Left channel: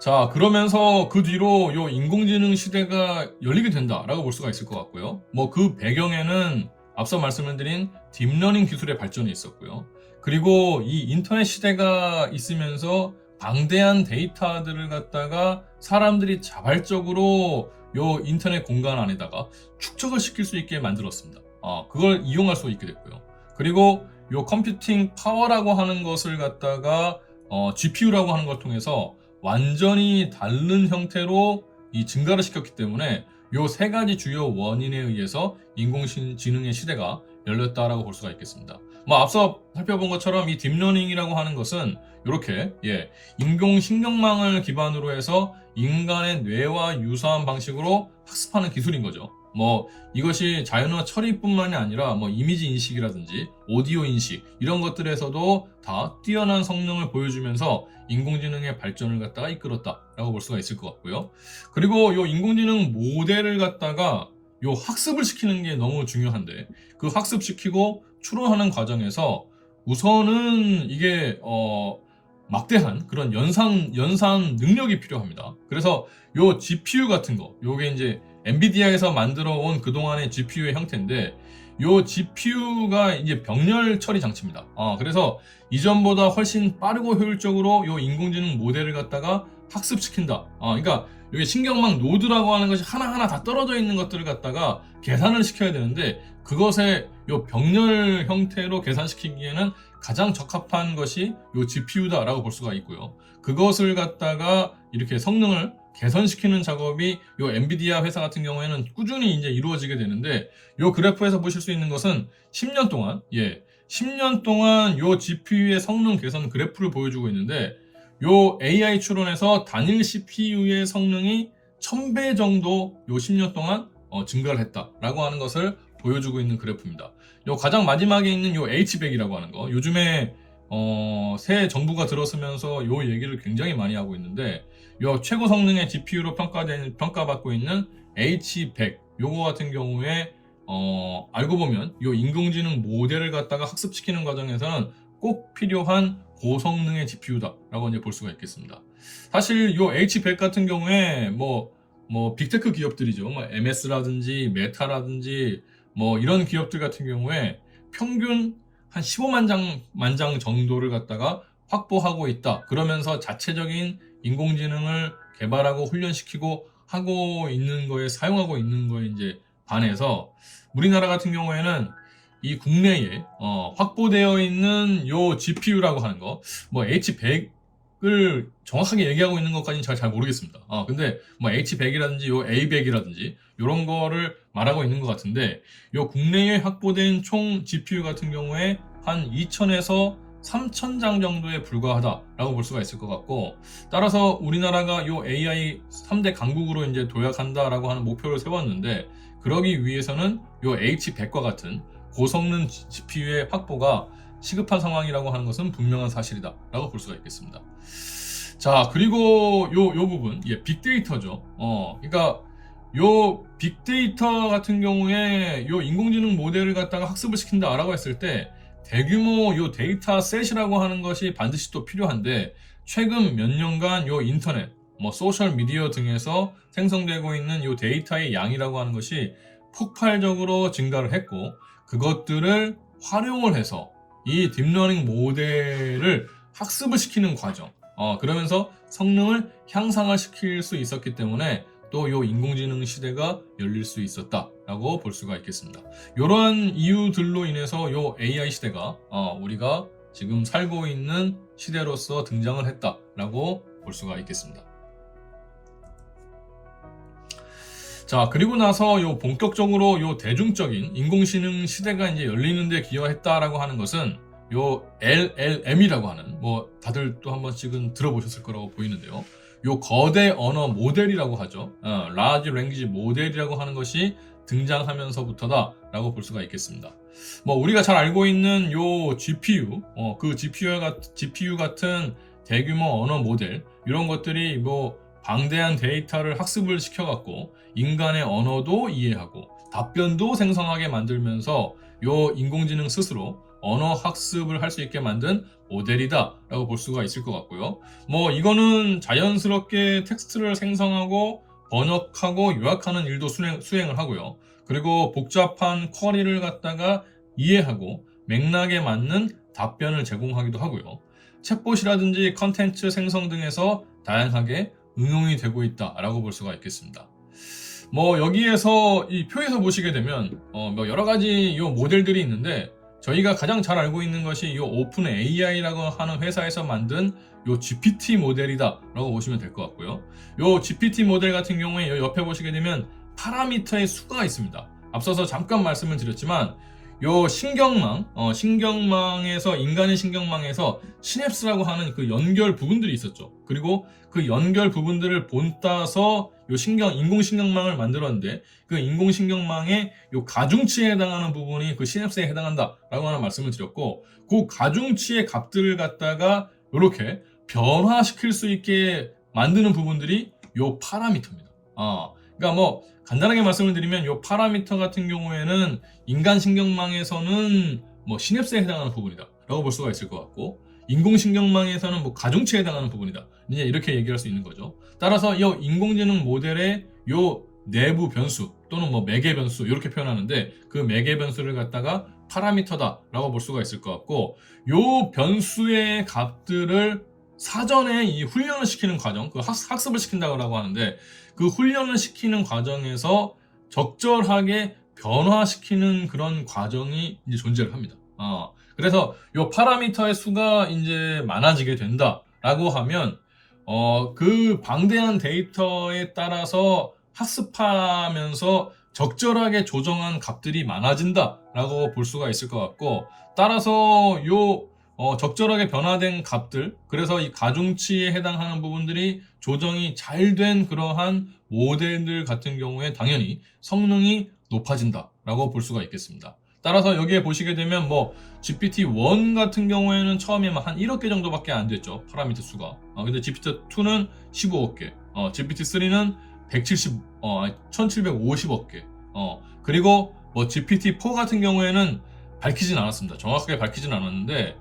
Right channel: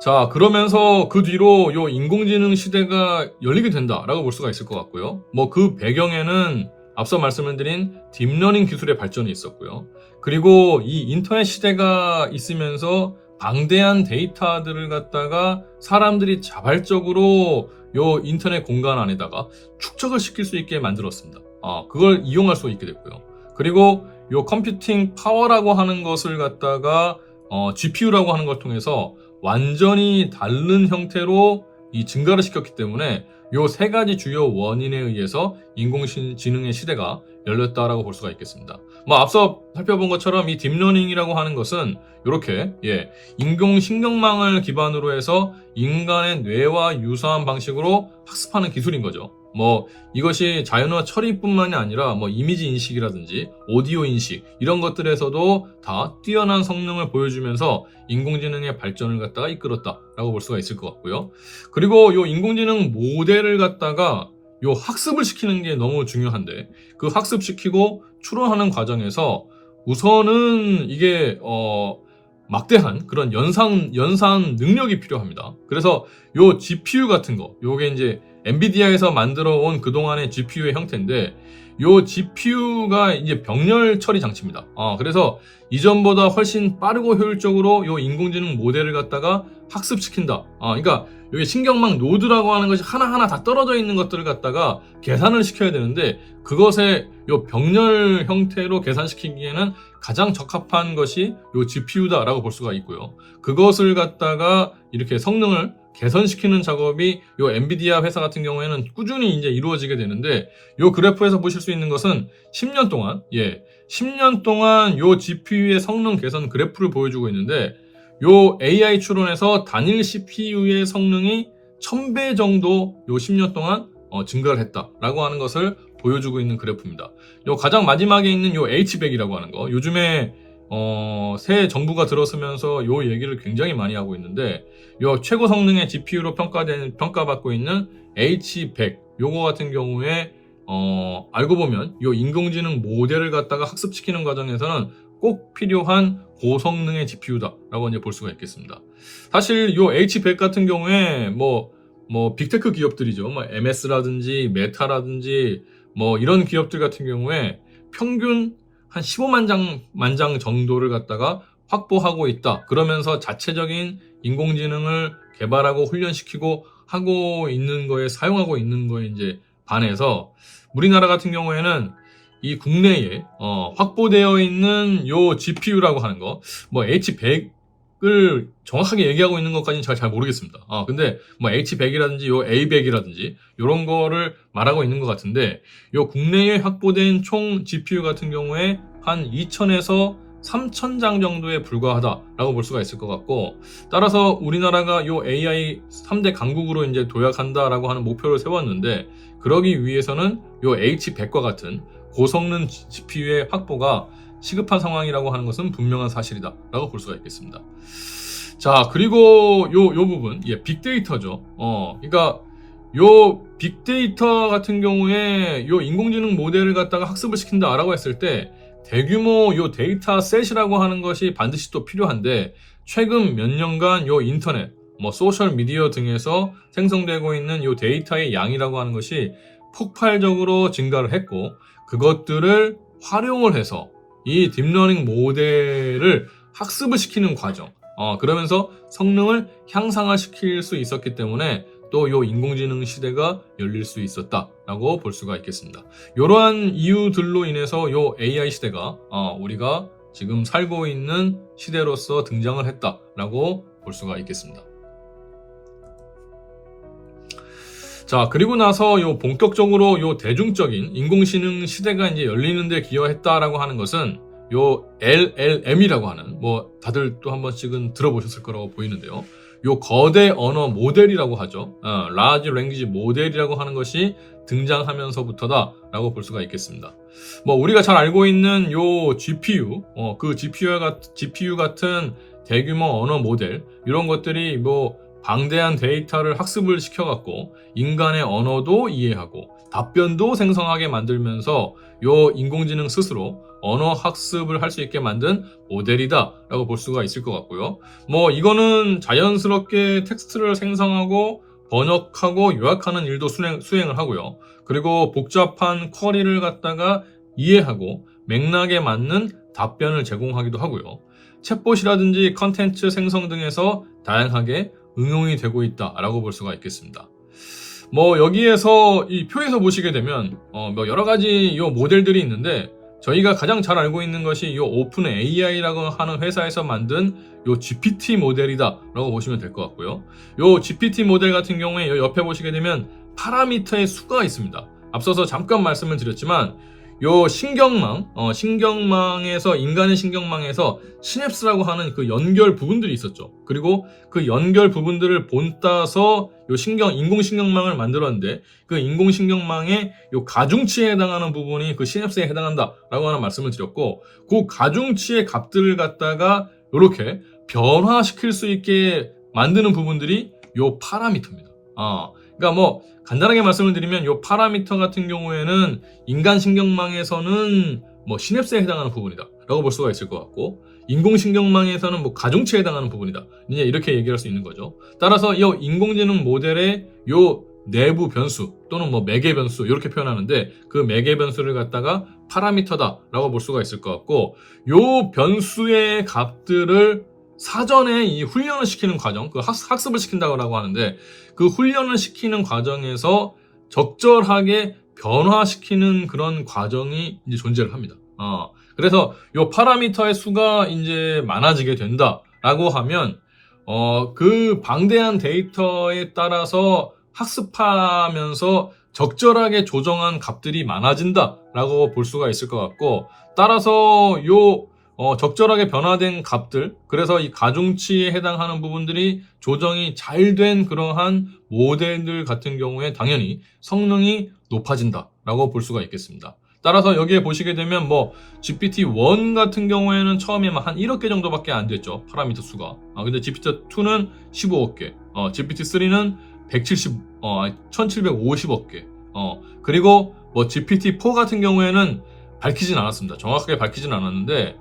자, 그러면서 그 뒤로 요 인공지능 시대가 열리게 된다라고 볼 수가 있을 것 같고요. 뭐 그 배경에는 앞서 말씀을 드린 딥러닝 기술의 발전이 있었고요. 그리고 이 인터넷 시대가 있으면서 방대한 데이터들을 갖다가 사람들이 자발적으로 요 인터넷 공간 안에다가 축적을 시킬 수 있게 만들었습니다. 그걸 이용할 수 있게 됐고요. 그리고 요 컴퓨팅 파워라고 하는 것을 갖다가 GPU라고 하는 걸 통해서 완전히 다른 형태로 이 증가를 시켰기 때문에 요 세 가지 주요 원인에 의해서 인공지능의 시대가 열렸다라고 볼 수가 있겠습니다. 뭐 앞서 살펴본 것처럼 이 딥러닝이라고 하는 것은 이렇게 인공신경망을 기반으로 해서 인간의 뇌와 유사한 방식으로 학습하는 기술인 거죠. 뭐 이것이 자연어 처리뿐만이 아니라 뭐 이미지 인식이라든지 오디오 인식 이런 것들에서도 다 뛰어난 성능을 보여주면서 인공지능의 발전을 갖다가 이끌었다라고 볼 수가 있을 것 같고요. 그리고 요 인공지능 모델을 갖다가 요 학습을 시키는 게 너무 중요한데 그 학습시키고 추론하는 과정에서 우선은 이게 막대한 그런 연산 능력이 필요합니다. 그래서 요 GPU 같은 거, 요게 이제 엔비디아에서 만들어 온 그동안의 GPU의 형태인데 요 GPU가 이제 병렬 처리 장치입니다. 그래서 이전보다 훨씬 빠르고 효율적으로 요 인공지능 모델을 갖다가 학습시킨다. 그러니까 여기 신경망 노드라고 하는 것이 하나하나 다 떨어져 있는 것들을 갖다가 계산을 시켜야 되는데 그것의 요 병렬 형태로 계산시키기에는 가장 적합한 것이 요 GPU다라고 볼 수가 있고요. 그것을 갖다가 이렇게 성능을 개선시키는 작업이 요 엔비디아 회사 같은 경우에는 꾸준히 이제 이루어지게 되는데 요 그래프에서 보실 수 있는 것은 10년 동안 요 GPU의 성능 개선 그래프를 보여주고 있는데 요 AI 추론에서 단일 CPU의 성능이 1000배 정도 요 10년 동안 증가를 했다라고 하는 것을 보여주고 있는 그래프입니다. 요 가장 마지막에 있는 요 H100이라고 하는 거 요즘에 새 정부가 들어서면서 요 얘기를 굉장히 많이 하고 있는데 요 최고 성능의 GPU로 평가받고 있는 H100 요거 같은 경우에 알고 보면 요 인공지능 모델을 갖다가 학습시키는 과정에서는 꼭 필요한 고성능의 GPU다라고 이제 볼 수가 있겠습니다. 사실 요 H100 같은 경우에 뭐 빅테크 기업들이죠. 뭐 MS라든지 메타라든지 뭐 이런 기업들 같은 경우에 평균 한 15만 장 정도를 갖다가 확보하고 있다. 그러면서 자체적인 인공지능을 개발하고 훈련시키고 하고 있는 거에 사용하고 있는 거에 이제 반해서 우리나라 같은 경우에는 이 국내에 확보되어 있는 요 GPU라고 하는 거, 뭐 H100을 정확하게 얘기하고 있는 것까지는 제가 잘 모르겠습니다. 근데 뭐 H100이라든지 요 A100이라든지 이런 거를 말하고 있는 것 같은데 요 국내에 확보된 총 GPU 같은 경우에 한 2000에서 3000장 정도에 불과하다라고 볼 수가 있을 것 같고 따라서 우리나라가 요 AI 3대 강국으로 이제 도약한다라고 하는 목표를 세웠는데 그러기 위해서는 요 H100과 같은 고성능 GPU의 확보가 시급한 상황이라고 하는 것은 분명한 사실이다라고 볼 수가 있겠습니다. 자, 그리고 요 부분, 빅데이터죠. 그러니까 요 빅데이터 같은 경우에 요 인공지능 모델을 갖다가 학습을 시킨다라고 했을 때 대규모 요 데이터 셋이라고 하는 것이 반드시 또 필요한데 최근 몇 년간 요 인터넷, 뭐 소셜 미디어 등에서 생성되고 있는 요 데이터의 양이라고 하는 것이 폭발적으로 증가를 했고 그것들을 활용을 해서 이 딥러닝 모델을 학습을 시키는 과정 그러면서 성능을 향상을 시킬 수 있었기 때문에 또 요 인공지능 시대가 열릴 수 있었다라고 볼 수가 있겠습니다. 이러한 이유들로 인해서 요 AI 시대가 우리가 지금 살고 있는 시대로서 등장을 했다라고 볼 수가 있겠습니다. 자, 그리고 나서 요 본격적으로 요 대중적인 인공지능 시대가 이제 열리는데 기여했다라고 하는 것은 요 LLM이라고 하는 뭐 다들 또 한 번씩은 들어보셨을 거라고 보이는데요. 요 거대 언어 모델이라고 하죠. Large Language 모델이라고 하는 것이 등장하면서부터다라고 볼 수가 있겠습니다. 뭐 우리가 잘 알고 있는 요 GPU, 그 GPU 같은 대규모 언어 모델 이런 것들이 뭐 방대한 데이터를 학습을 시켜갖고 인간의 언어도 이해하고 답변도 생성하게 만들면서 요 인공지능 스스로 언어 학습을 할 수 있게 만든 모델이다라고 볼 수가 있을 것 같고요. 뭐 이거는 자연스럽게 텍스트를 생성하고 번역하고 요약하는 일도 수행을 하고요. 그리고 복잡한 쿼리를 갖다가 이해하고 맥락에 맞는 답변을 제공하기도 하고요. 챗봇이라든지 컨텐츠 생성 등에서 다양하게 응용이 되고 있다라고 볼 수가 있겠습니다. 뭐 여기에서 이 표에서 보시게 되면 뭐 여러 가지 요 모델들이 있는데 저희가 가장 잘 알고 있는 것이 요 오픈 AI라고 하는 회사에서 만든 요 GPT 모델이다라고 보시면 될 것 같고요. 요 GPT 모델 같은 경우에 요 옆에 보시게 되면 파라미터의 수가 있습니다. 앞서서 잠깐 말씀을 드렸지만 요 신경망에서 인간의 신경망에서 시냅스라고 하는 그 연결 부분들이 있었죠. 그리고 그 연결 부분들을 본따서 요 인공신경망을 만들었는데 그 인공신경망의 요 가중치에 해당하는 부분이 그 시냅스에 해당한다라고 하는 말씀을 드렸고 그 가중치의 값들을 갖다가 요렇게 변화시킬 수 있게 만드는 부분들이 요 파라미터입니다. 그러니까 뭐 간단하게 말씀을 드리면 요 파라미터 같은 경우에는 인간 신경망에서는 뭐 시냅스에 해당하는 부분이다 라고 볼 수가 있을 것 같고 인공신경망에서는 뭐 가중치에 해당하는 부분이다 이제 이렇게 얘기할 수 있는 거죠. 따라서 이 인공지능 모델의 요 내부 변수 또는 뭐 매개 변수 이렇게 표현하는데 그 매개 변수를 갖다가 파라미터다 라고 볼 수가 있을 것 같고 요 변수의 값들을 사전에 이 훈련을 시키는 과정, 그 학습을 시킨다고 하는데 그 훈련을 시키는 과정에서 적절하게 변화시키는 그런 과정이 이제 존재를 합니다. 그래서 요 파라미터의 수가 이제 많아지게 된다라고 하면 그 방대한 데이터에 따라서 학습하면서 적절하게 조정한 값들이 많아진다라고 볼 수가 있을 것 같고 따라서 요 적절하게 변화된 값들, 그래서 이 가중치에 해당하는 부분들이 조정이 잘 된 그러한 모델들 같은 경우에 당연히 성능이 높아진다라고 볼 수가 있겠습니다. 따라서 여기에 보시게 되면 뭐 GPT-1 같은 경우에는 처음에 한 1억 개 정도밖에 안 됐죠. 파라미터 수가. 근데 GPT-2는 15억 개, GPT-3는 1750억 개. 그리고 뭐 GPT-4 같은 경우에는 밝히진 않았습니다. 정확하게 밝히진 않았는데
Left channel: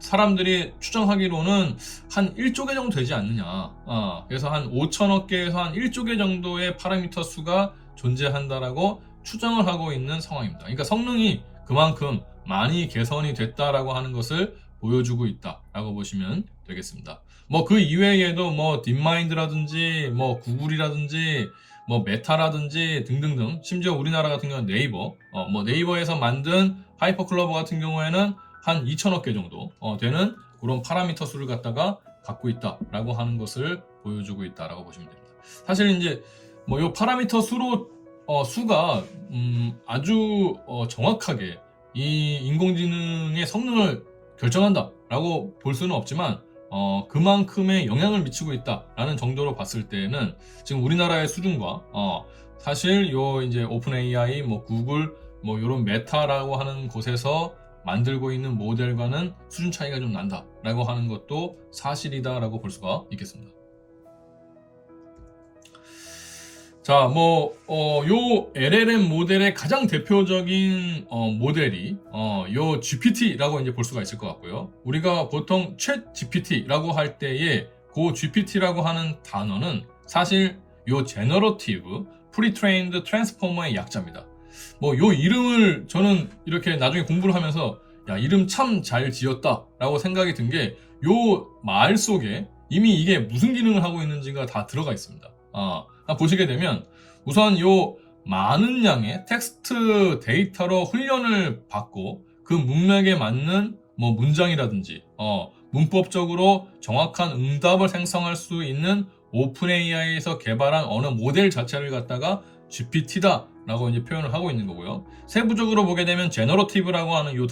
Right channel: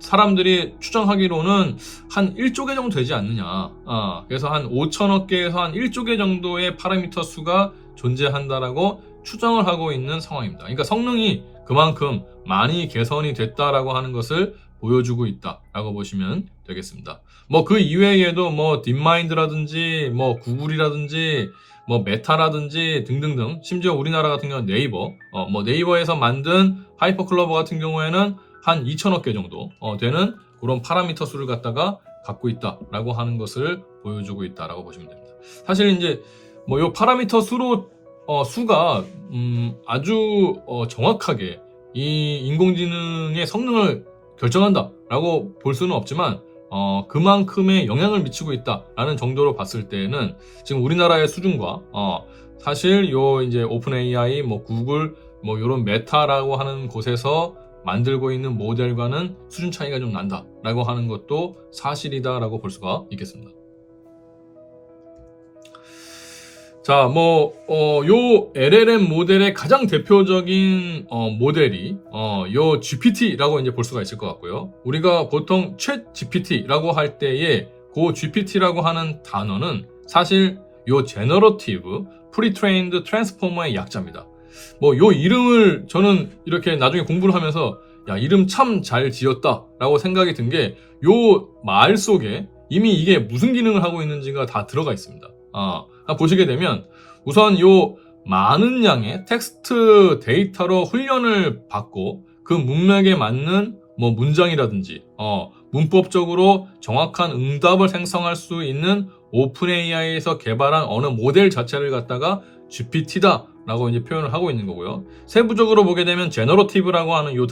사람들이 추정하기로는 한 1조 개 정도 되지 않느냐. 그래서 한 5천억 개에서 한 1조 개 정도의 파라미터 수가 존재한다라고 추정을 하고 있는 상황입니다. 그러니까 성능이 그만큼 많이 개선이 됐다라고 하는 것을 보여주고 있다라고 보시면 되겠습니다. 뭐 그 이외에도 뭐 딥마인드라든지 뭐 구글이라든지 뭐 메타라든지 등등등, 심지어 우리나라 같은 경우는 네이버, 뭐 네이버에서 만든 하이퍼클로버 같은 경우에는 한 2천억 개 정도 되는 그런 파라미터 수를 갖다가 갖고 있다라고 하는 것을 보여주고 있다라고 보시면 됩니다. 사실 이제 뭐 요 파라미터 수가 아주 정확하게 이 인공지능의 성능을 결정한다라고 볼 수는 없지만 그만큼의 영향을 미치고 있다라는 정도로 봤을 때는 지금 우리나라의 수준과 사실 요 이제 오픈 AI, 뭐 구글, 뭐 요런 메타라고 하는 곳에서 만들고 있는 모델과는 수준 차이가 좀 난다라고 하는 것도 사실이다라고 볼 수가 있겠습니다. 자, 뭐 요 LLM 모델의 가장 대표적인 모델이 요 GPT라고 이제 볼 수가 있을 것 같고요. 우리가 보통 챗 GPT라고 할 때에 그 GPT라고 하는 단어는 사실 요 Generative Pre-trained Transformer의 약자입니다. 뭐 요 이름을 저는 이렇게 나중에 공부를 하면서 야, 이름 참 잘 지었다라고 생각이 든 게 요 말 속에 이미 이게 무슨 기능을 하고 있는지가 다 들어가 있습니다. 보시게 되면 우선 요 많은 양의 텍스트 데이터로 훈련을 받고 그 문맥에 맞는 뭐 문장이라든지 문법적으로 정확한 응답을 생성할 수 있는 오픈 AI에서 개발한 언어 모델 자체를 갖다가 GPT다 라고 이제 표현을 하고 있는 거고요. 세부적으로 보게 되면 제너러티브라고 하는 요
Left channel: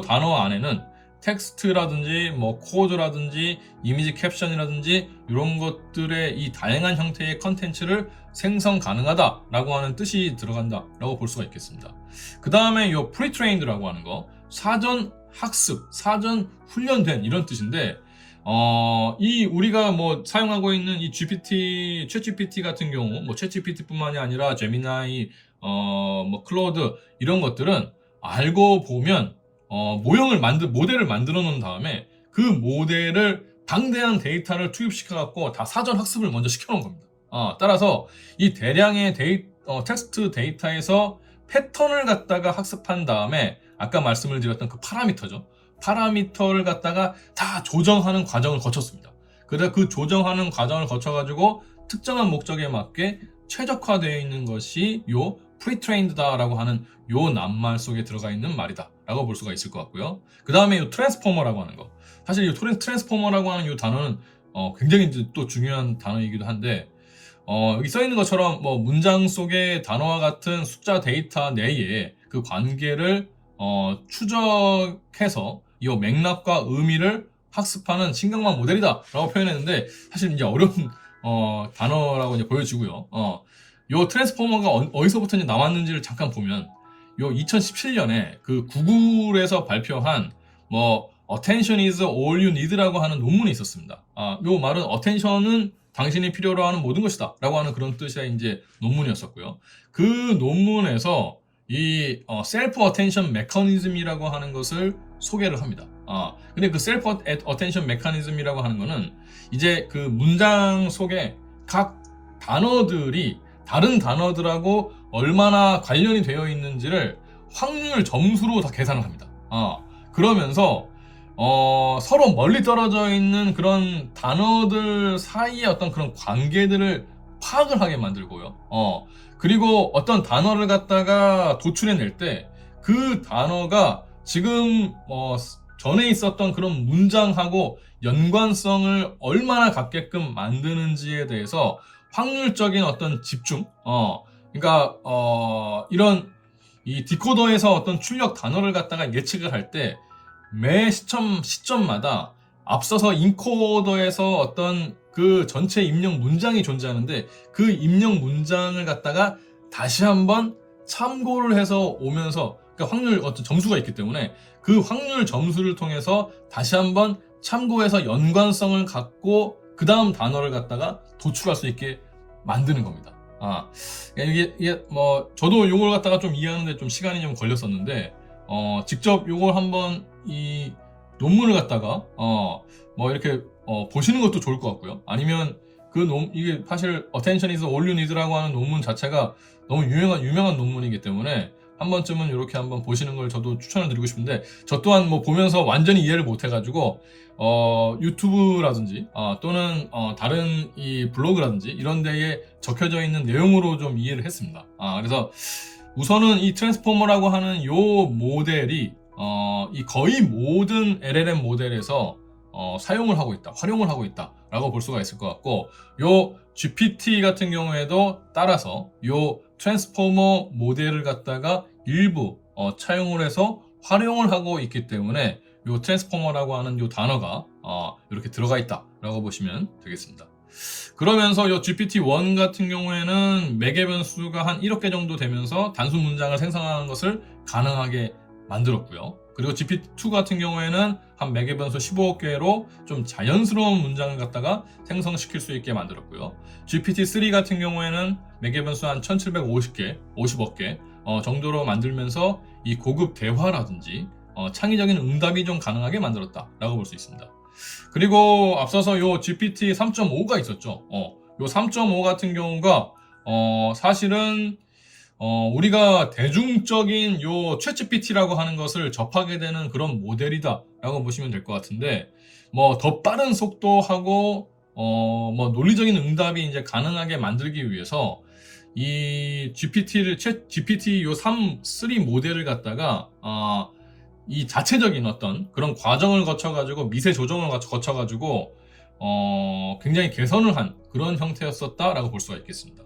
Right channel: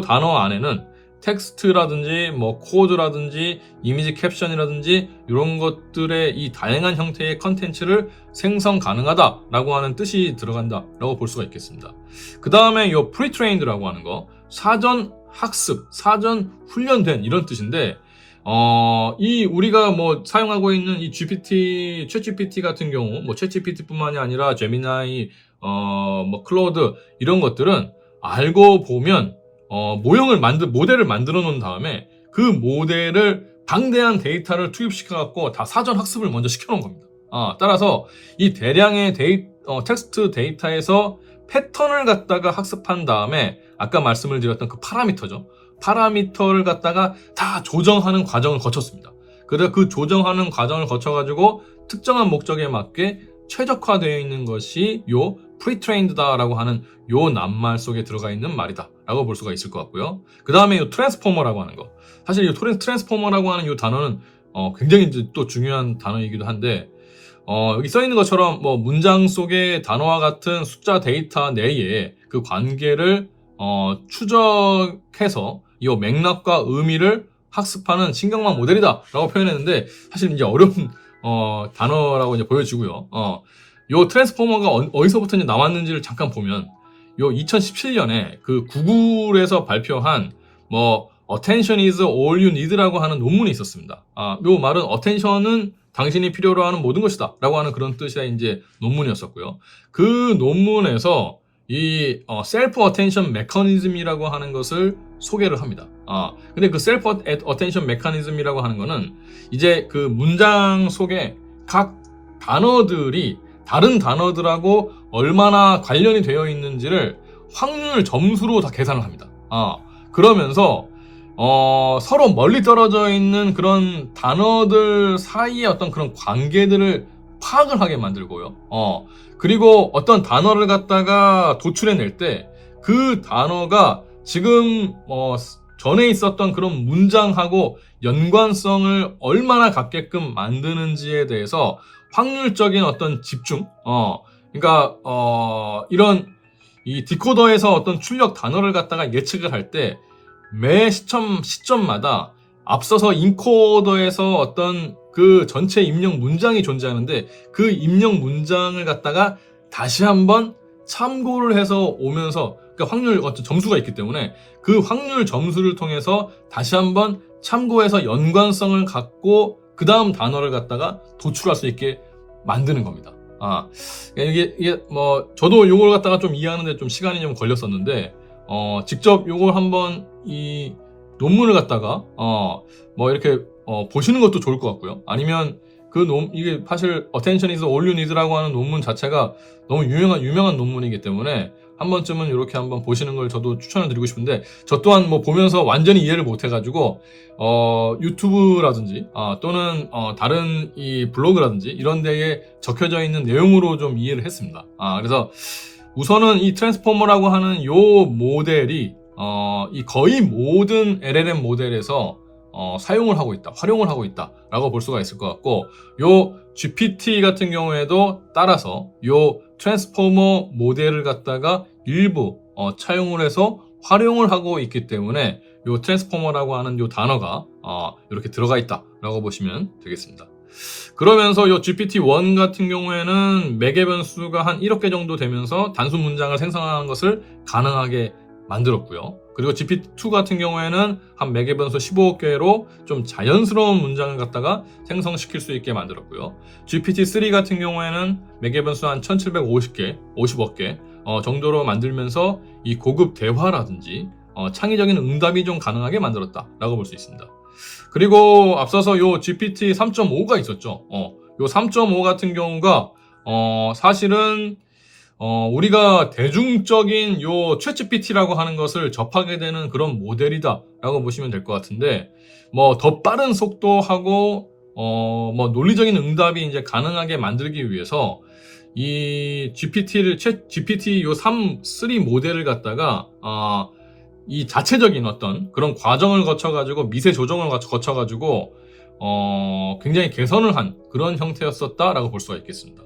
단어 안에는 텍스트라든지 뭐 코드라든지 이미지 캡션이라든지 이런 것들의 이 다양한 형태의 컨텐츠를 생성 가능하다라고 하는 뜻이 들어간다라고 볼 수가 있겠습니다. 그 다음에 요 pre-trained라고 하는 거, 사전 학습, 사전 훈련된 이런 뜻인데 이 우리가 뭐 사용하고 있는 이 GPT, 챗GPT 같은 경우, 뭐 챗GPT뿐만이 아니라 제미나이, 뭐 클로드 이런 것들은 알고 보면 모델을 만들어 놓은 다음에 그 모델을 방대한 데이터를 투입시켜 갖고 다 사전 학습을 먼저 시켜 놓은 겁니다. 따라서 이 대량의 텍스트 데이터에서 패턴을 갖다가 학습한 다음에 아까 말씀을 드렸던 그 파라미터죠. 파라미터를 갖다가 다 조정하는 과정을 거쳤습니다. 그래서 그 조정하는 과정을 거쳐가지고 특정한 목적에 맞게 최적화되어 있는 것이 요 pre-trained다라고 하는 요 낱말 속에 들어가 있는 말이다 라고 볼 수가 있을 것 같고요. 그 다음에 요 트랜스포머라고 하는 거, 사실 이 트랜스포머라고 하는 요 단어는 굉장히 이제 또 중요한 단어이기도 한데 여기 써 있는 것처럼 뭐 문장 속의 단어와 같은 숫자 데이터 내에 그 관계를 추적해서 이 맥락과 의미를 학습하는 신경망 모델이다라고 표현했는데 사실 이제 어려운 단어라고 이제 보여지고요. 요 트랜스포머가 어디서부터 이제 나왔는지를 잠깐 보면 요 2017년에 그 구글에서 발표한 뭐 Attention is all you need라고 하는 논문이 있었습니다. 요 말은 attention은 당신이 필요로 하는 모든 것이다 라고 하는 그런 뜻의 이제 논문이었었고요. 그 논문에서 이 셀프 어텐션 메커니즘이라고 하는 것을 소개를 합니다. 근데 그 셀프 어텐션 메커니즘이라고 하는 거는 이제 그 문장 속에 각 단어들이 다른 단어들하고 얼마나 관련이 되어 있는지를 확률 점수로 다 계산을 합니다. 그러면서 서로 멀리 떨어져 있는 그런 단어들 사이의 어떤 그런 관계들을 파악을 하게 만들고요. 그리고 어떤 단어를 갖다가 도출해낼 때 그 단어가 지금 전에 있었던 그런 문장하고 연관성을 얼마나 갖게끔 만드는지에 대해서 확률적인 어떤 집중, 그러니까 이런 이 디코더에서 어떤 출력 단어를 갖다가 예측을 할 때 매 시점마다 앞서서 인코더에서 어떤 그 전체 입력 문장이 존재하는데 그 입력 문장을 갖다가 다시 한번 참고를 해서 오면서 그러니까 확률 어떤 점수가 있기 때문에 그 확률 점수를 통해서 다시 한번 참고해서 연관성을 갖고 그 다음 단어를 갖다가 도출할 수 있게 만드는 겁니다. 이게 뭐 저도 요걸 갖다가 좀 이해하는데 좀 시간이 좀 걸렸었는데 직접 요걸 한번 이 논문을 갖다가 뭐 이렇게 보시는 것도 좋을 것 같고요. 아니면 이게 사실 Attention is all you need라고 하는 논문 자체가 너무 유명한 논문이기 때문에 한 번쯤은 이렇게 한번 보시는 걸 저도 추천을 드리고 싶은데 저 또한 뭐 보면서 완전히 이해를 못 해가지고 유튜브라든지 또는 다른 이 블로그라든지 이런 데에 적혀져 있는 내용으로 좀 이해를 했습니다. 그래서 우선은 이 트랜스포머라고 하는 요 모델이 이 거의 모든 LLM 모델에서 사용을 하고 있다, 활용을 하고 있다라고 볼 수가 있을 것 같고, 요 GPT 같은 경우에도 따라서 요 트랜스포머 모델을 갖다가 일부 차용을 해서 활용을 하고 있기 때문에 요 트랜스포머라고 하는 요 단어가 이렇게 들어가 있다라고 보시면 되겠습니다. 그러면서 요 GPT-1 같은 경우에는 매개 변수가 한 1억 개 정도 되면서 단순 문장을 생성하는 것을 가능하게 만들었고요. 그리고 GPT-2 같은 경우에는 한 매개 변수 15억 개로 좀 자연스러운 문장을 갖다가 생성시킬 수 있게 만들었고요. GPT-3 같은 경우에는 매개 변수 한 1750개, 50억 개 정도로 만들면서 이 고급 대화라든지 창의적인 응답이 좀 가능하게 만들었다라고 볼 수 있습니다. 그리고 앞서서 요 GPT 3.5가 있었죠. 요 3.5 같은 경우가 사실은 우리가 대중적인 요 챗GPT라고 하는 것을 접하게 되는 그런 모델이다라고 보시면 될 것 같은데, 뭐 더 빠른 속도하고 뭐 논리적인 응답이 이제 가능하게 만들기 위해서 이 GPT 요 3 모델을 갖다가 이 자체적인 어떤 그런 과정을 거쳐가지고 미세 조정을 거쳐가지고 굉장히 개선을 한 그런 형태였었다라고 볼 수가 있겠습니다.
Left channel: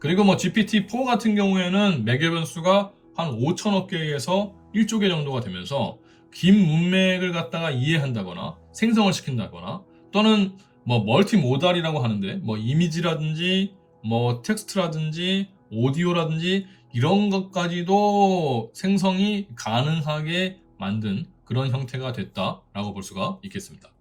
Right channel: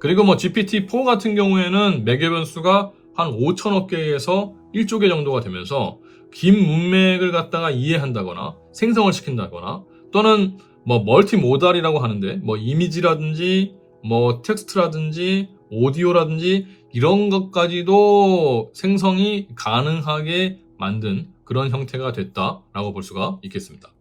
그리고 뭐 GPT-4 같은 경우에는 매개 변수가 한 5천억 개에서 1조 개 정도가 되면서 긴 문맥을 갖다가 이해한다거나 생성을 시킨다거나 또는 뭐 멀티모달이라고 하는데 뭐 이미지라든지 뭐 텍스트라든지 오디오라든지 이런 것까지도 생성이 가능하게 만든 그런 형태가 됐다라고 볼 수가 있겠습니다.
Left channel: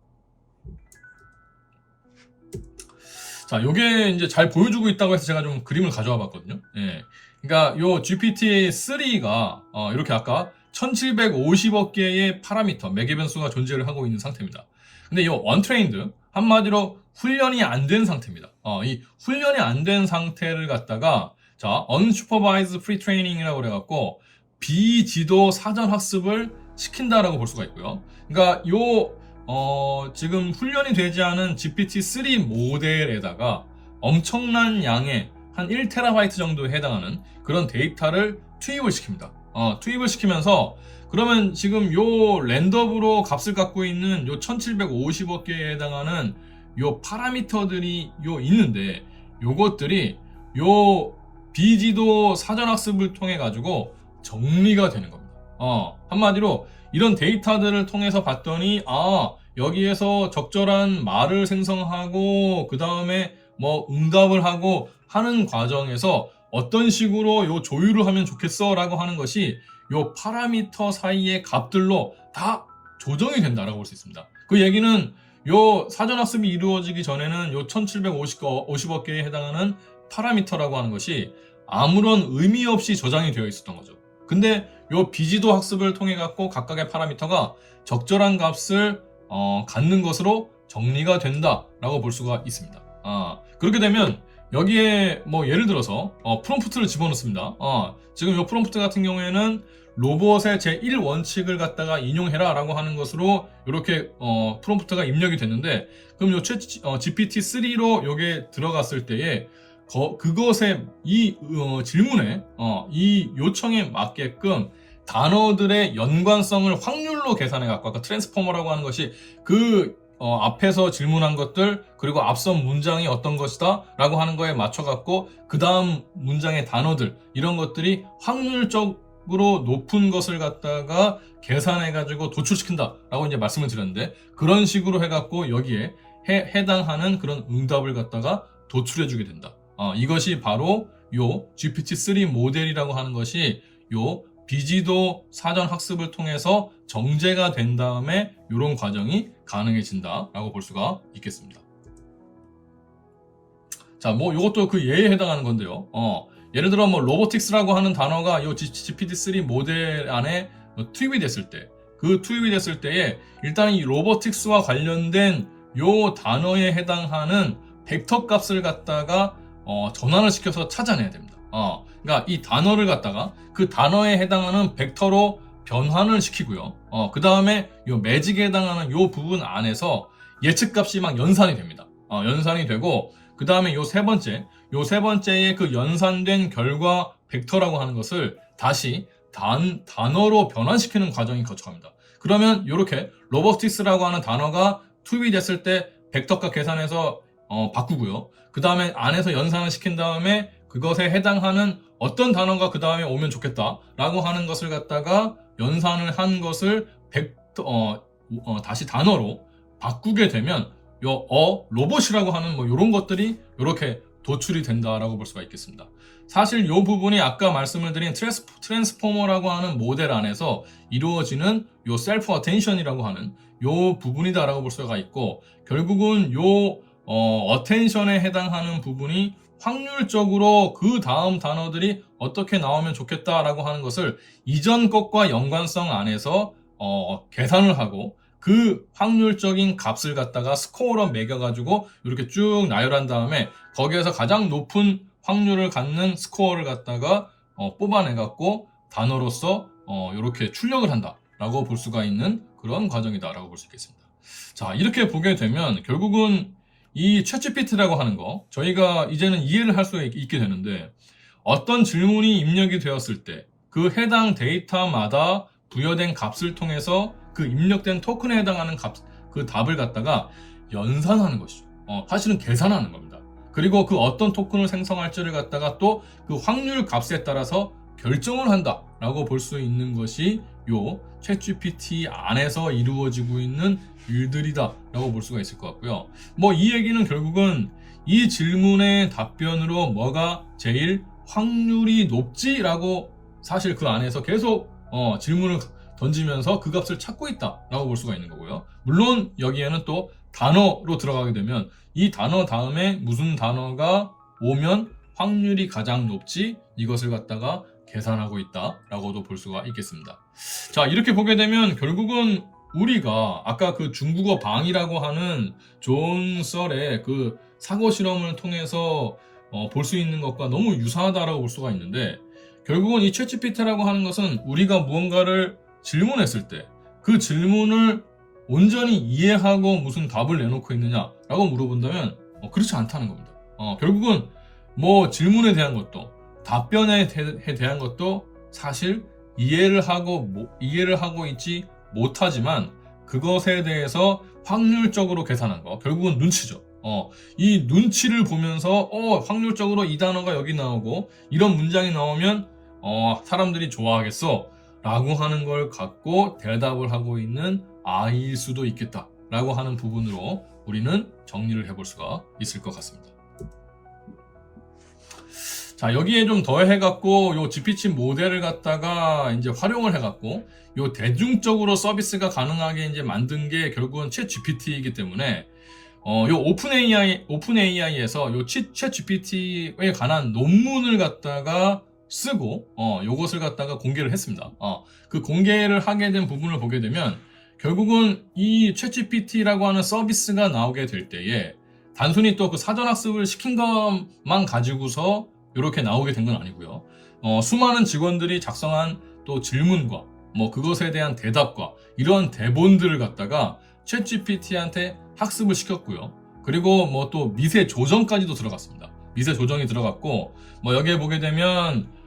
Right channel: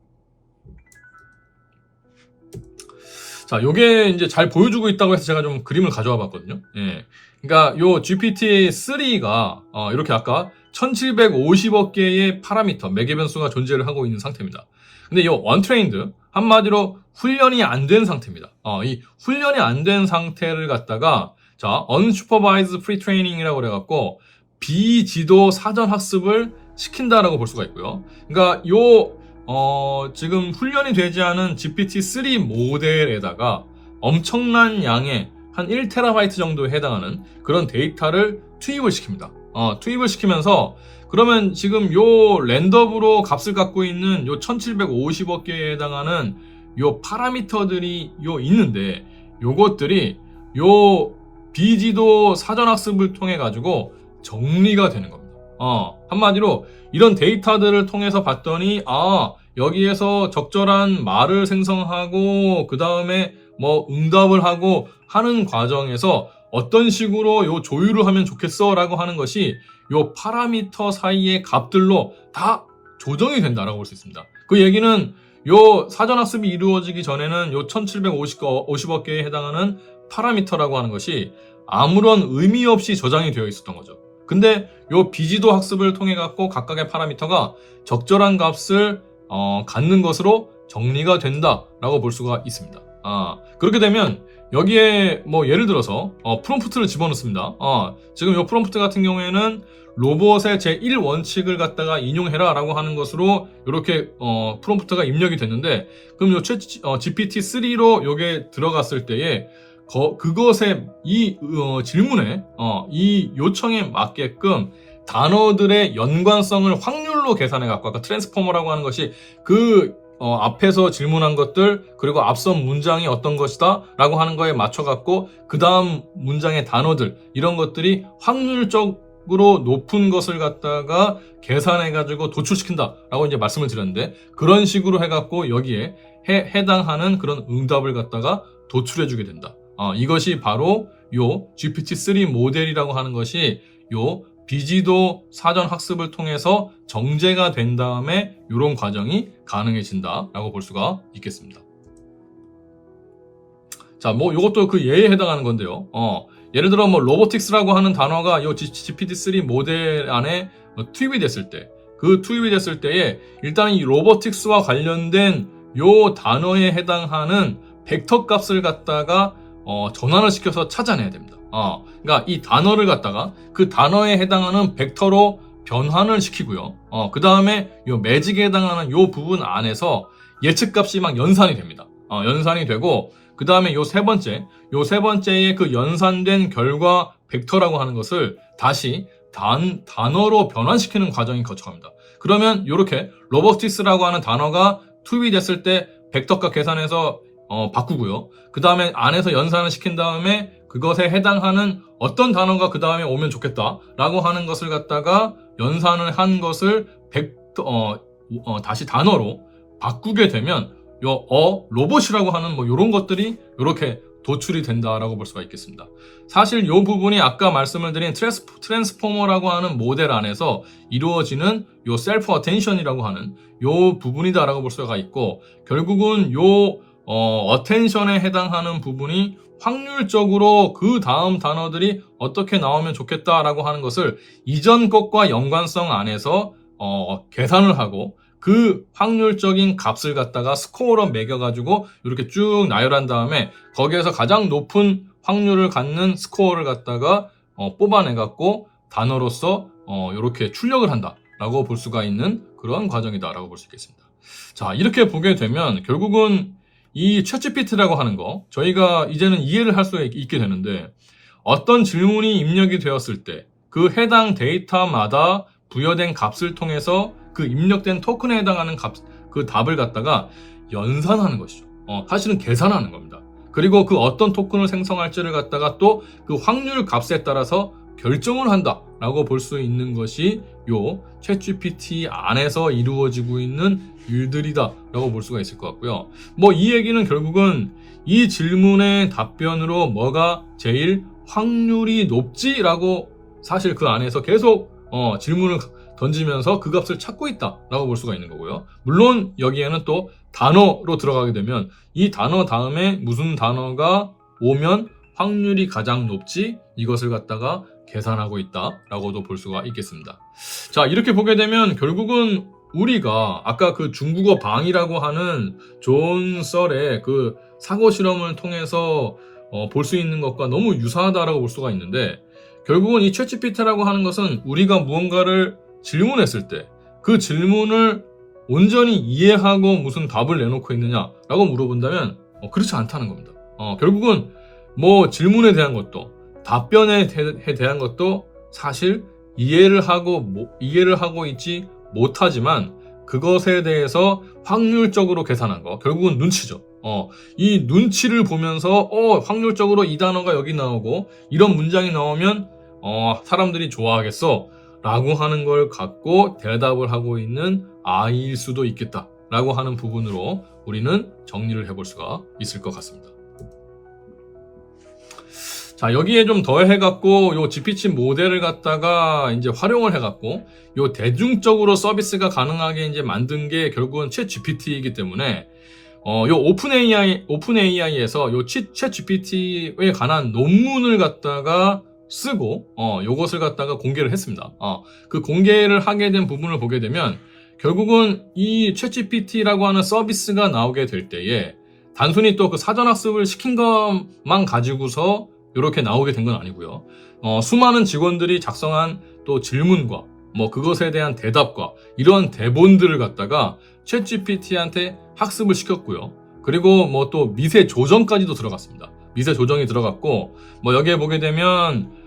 자, 요게 이제 잘 보여주고 있다고 해서 제가 좀 그림을 가져와 봤거든요. 예. 그러니까 요 GPT-3가 이렇게 아까 1750억 개의 파라미터, 매개 변수가 존재를 하고 있는 상태입니다. 근데 이 언트레인드, 한마디로 훈련이 안 된 상태입니다. 이 훈련이 안 된 상태를 갖다가 자, unsupervised pre-training이라고 그래갖고 비지도 사전 학습을 시킨다라고 볼 수가 있고요. 그러니까 지금 훈련이 되지 않은 GPT-3 모델에다가 엄청난 양의 한 1TB 정도에 해당하는 그런 데이터를 투입을 시킵니다. 투입을 시키면서 그러면 지금 요 랜덤으로 값을 갖고 있는 요 1750억 개에 해당하는 요 파라미터들이 있는데 요것들이 요 비지도 사전학습을 통해 가지고 정리가 되는 겁니다. 한마디로 이런 데이터들을 통해서 봤더니 여기에서 적절한 말을 생성하고 그 다음에 뭐 응답을 하고 하는 과정에서 어떤 식으로 요 조율을 하면 좋겠어 라고 하는 것이 요 파라미터 사이의 값들로 다 조정이 된다라고 볼 수 있습니다. 그 얘기는 요 사전학습이 이루어지기 전에는 요 1750억 개에 해당하는 파라미터라고 하는 것이 아무런 의미 없이 저장이 되어 있었던 거죠. 근데 요 비지도 학습을 통해 갖고 각각의 파라미터가 적절한 값을 갖는 것으로 정리가 된다라고 볼 수가 있습니다. 그렇게 되면 여기에 뭐 예를 들어서 프롬프트를 집어넣습니다. 지금 요 프롬프트 같은 경우에는 로봇의 제1원칙을 갖다가 인용해라 라고 하는 것으로 이렇게 프롬프트가 입력이 됐는데 그럼 요 GPT-3로 요게 들어갔을 때에 그것의 이 질문에 이 요청에 맞게끔 단어들의 연관성을 확률로 계산해 갖고 아까 트랜스포머라고 하는 것이 그 앞에서 질문한 것들 그리고 앞선 문장이 어떤 것이다 라고 하는 거에 맞춰 갖고 그 다음 문장의 단어들 이런 것들이 확률적으로 높은 것을 갖다가 계산해 가지고 도출시킨다 라고 이제 말씀을 드렸는데 그런 식으로 해 갖고 여기에 해당하는 그런 응답을 갖다가 도출해 주게 된다. 이것이 바로 요 GPT-3 모델이라고 하는 것이 요 비지도 사전 학습을 통해서 정제가 된 다음에 이런 과정이 가능해진다라고 볼 수가 있겠습니다. 자, 뭐 이것도 그 예에 해당하는 건데요. 예를 들어 뭐 로보틱스라고 하는 단어가 이 GPT-3 모델 안에 투입이 됐을 때, 그 투입이 됐을 때에 일단 이 로보틱스와 관련된 요 단어에 해당하는 벡터 값을 갖다가 전환을 시켜서 찾아내야 됩니다. 그러니까 이 단어를 갖다가 그 단어에 해당하는 벡터로 변환을 시키고요. 그 다음에 요 매직에 해당하는 요 부분 안에서 예측값이 막 연산이 됩니다. 연산이 되고 그 다음에 요 세 번째의 그 연산된 결과 벡터라고 하는 것을 다시 단어로 변환시키는 과정이 거쳐갑니다. 그러면 이렇게 로보틱스라고 하는 단어가 투입이 됐을 때 벡터값 계산해서 바꾸고요. 그 다음에 안에서 연산을 시킨 다음에 그것에 해당하는 어떤 단어가 그 다음에 오면 좋겠다 라고 하는 것을 갖다가 연산을 한 것을 다시 단어로 바꾸게 되면 로봇이라고 하는 뭐 이런 것들이 이렇게 도출이 된다라고 볼 수가 있겠습니다. 사실 이 부분이 아까 말씀을 드린 트랜스포머라고 하는 모델 안에서 이루어지는 요 셀프 어텐션이라고 하는 요 부분이다라고 볼 수가 있고 결국은 요 어텐션에 해당하는 부분이 확률적으로 그 다음 단어들이 어떻게 나오면 좋겠다라고 하는 것을 이전 것과 연관성 안에서 계산을 하고 그 확률적인 값을 갖다가 스코어로 매겨가지고 이렇게 쭉 나열한 다음에 거기에서 가장 높은 확률을 갖는 스코어를 갖다가 뽑아내갖고 단어로서 이렇게 출력을 한다라고 볼 수가 있는 그런 과정이다라고 볼 수 있겠습니다. 자, 이렇게 보게 되면 결국은 이 챗GPT라고 하는 거 저희가 이제는 이해를 할 수 있게 되는데 어떤 질문이 입력이 되었을 때 그 해당 데이터마다 부여된 값을 통해서 그 입력된 토큰에 해당하는 그 답을 갖다가 연산하는 것이죠. 사실은 계산하는 겁니다. 그리고 그 어떤 토큰을 생성할지를 갖다가 또 그 확률 값에 따라서 결정을 한다라고 볼 수 있는 것이 요 챗GPT 안에서 이루어지고 있는 일들이다라고 볼 수가 있을 것 같고요. 뭐 이 얘기는 결국은 이 질문의 답변으로 뭐가 제일 확률이 높지라고 사실 그 안에서 계속 질문을 던지면서 그 값을 찾고 있다라고 볼 수가 있는 거고요. 물론 여기에는 또 단어로 들어가게 되면 이 단어 다음에 무슨 단어가 오면 확률이 가장 높지 이것을 갖다가 계산하고 있다라고도 볼 수가 있겠습니다. 자, 이렇게 보게 되면 결국은 우리가 아까 그 중국어 방이라고 하는 존 썰의 그 사고 실험을 통해서 볼 수 있는 것과 너무 유사하다라고 볼 수가 있는데, 결국은 이 챗GPT라고 하는 것은 우리가 무언가를 질문했을 때 그 질문을 온전히 이해하고 무슨 답을 내놓고 있느냐라고 물어본다면 그렇지 않다는 겁니다. 결국은 뭐 질문에 대한 것도 답변에 대한 것도 사실 이해를 하고 있지 못하지만 그것에 대해서 확률적으로 계산한 거, 결국은 눈치죠. 이 눈치를 보면서 확률적으로 이 단어가 여기 나오고 이런 문장이 나오면 사람들이 좋아하겠어 라고 하는 걸 갖고 대답을 하고 있는 아이일 수도 있겠다 라고 하는 부분으로 우리는 정리를 해볼 수가 있을 것 같습니다. 자, 여기에 좀 더해갖고 요 GPT 모델을 갖다가 이제 활용을 해갖고 요 대중적으로 서비스가 가능하게 이제 만든 게 결국은 챗 GPT이기 때문에 요 오픈AI에서 요 챗 GPT에 관한 논문을 갖다가 쓰고 요것을 갖다가 공개를 했습니다. 그 공개를 하게 된 부분을 보게 되면 결국은 이 챗GPT라고 하는 서비스가 나오게 될 때에 단순히 또 그 사전학습을 시킨 것만 가지고서 이렇게 나오게 된 건 아니고요. 수많은 직원들이 작성한 또 질문과 뭐 그것에 대한 대답과 이런 대본들을 갖다가 챗GPT한테 학습을 시켰고요. 그리고 뭐 또 미세 조정까지도 들어갔습니다. 미세 조정이 들어갔고 뭐 여기에 보게 되면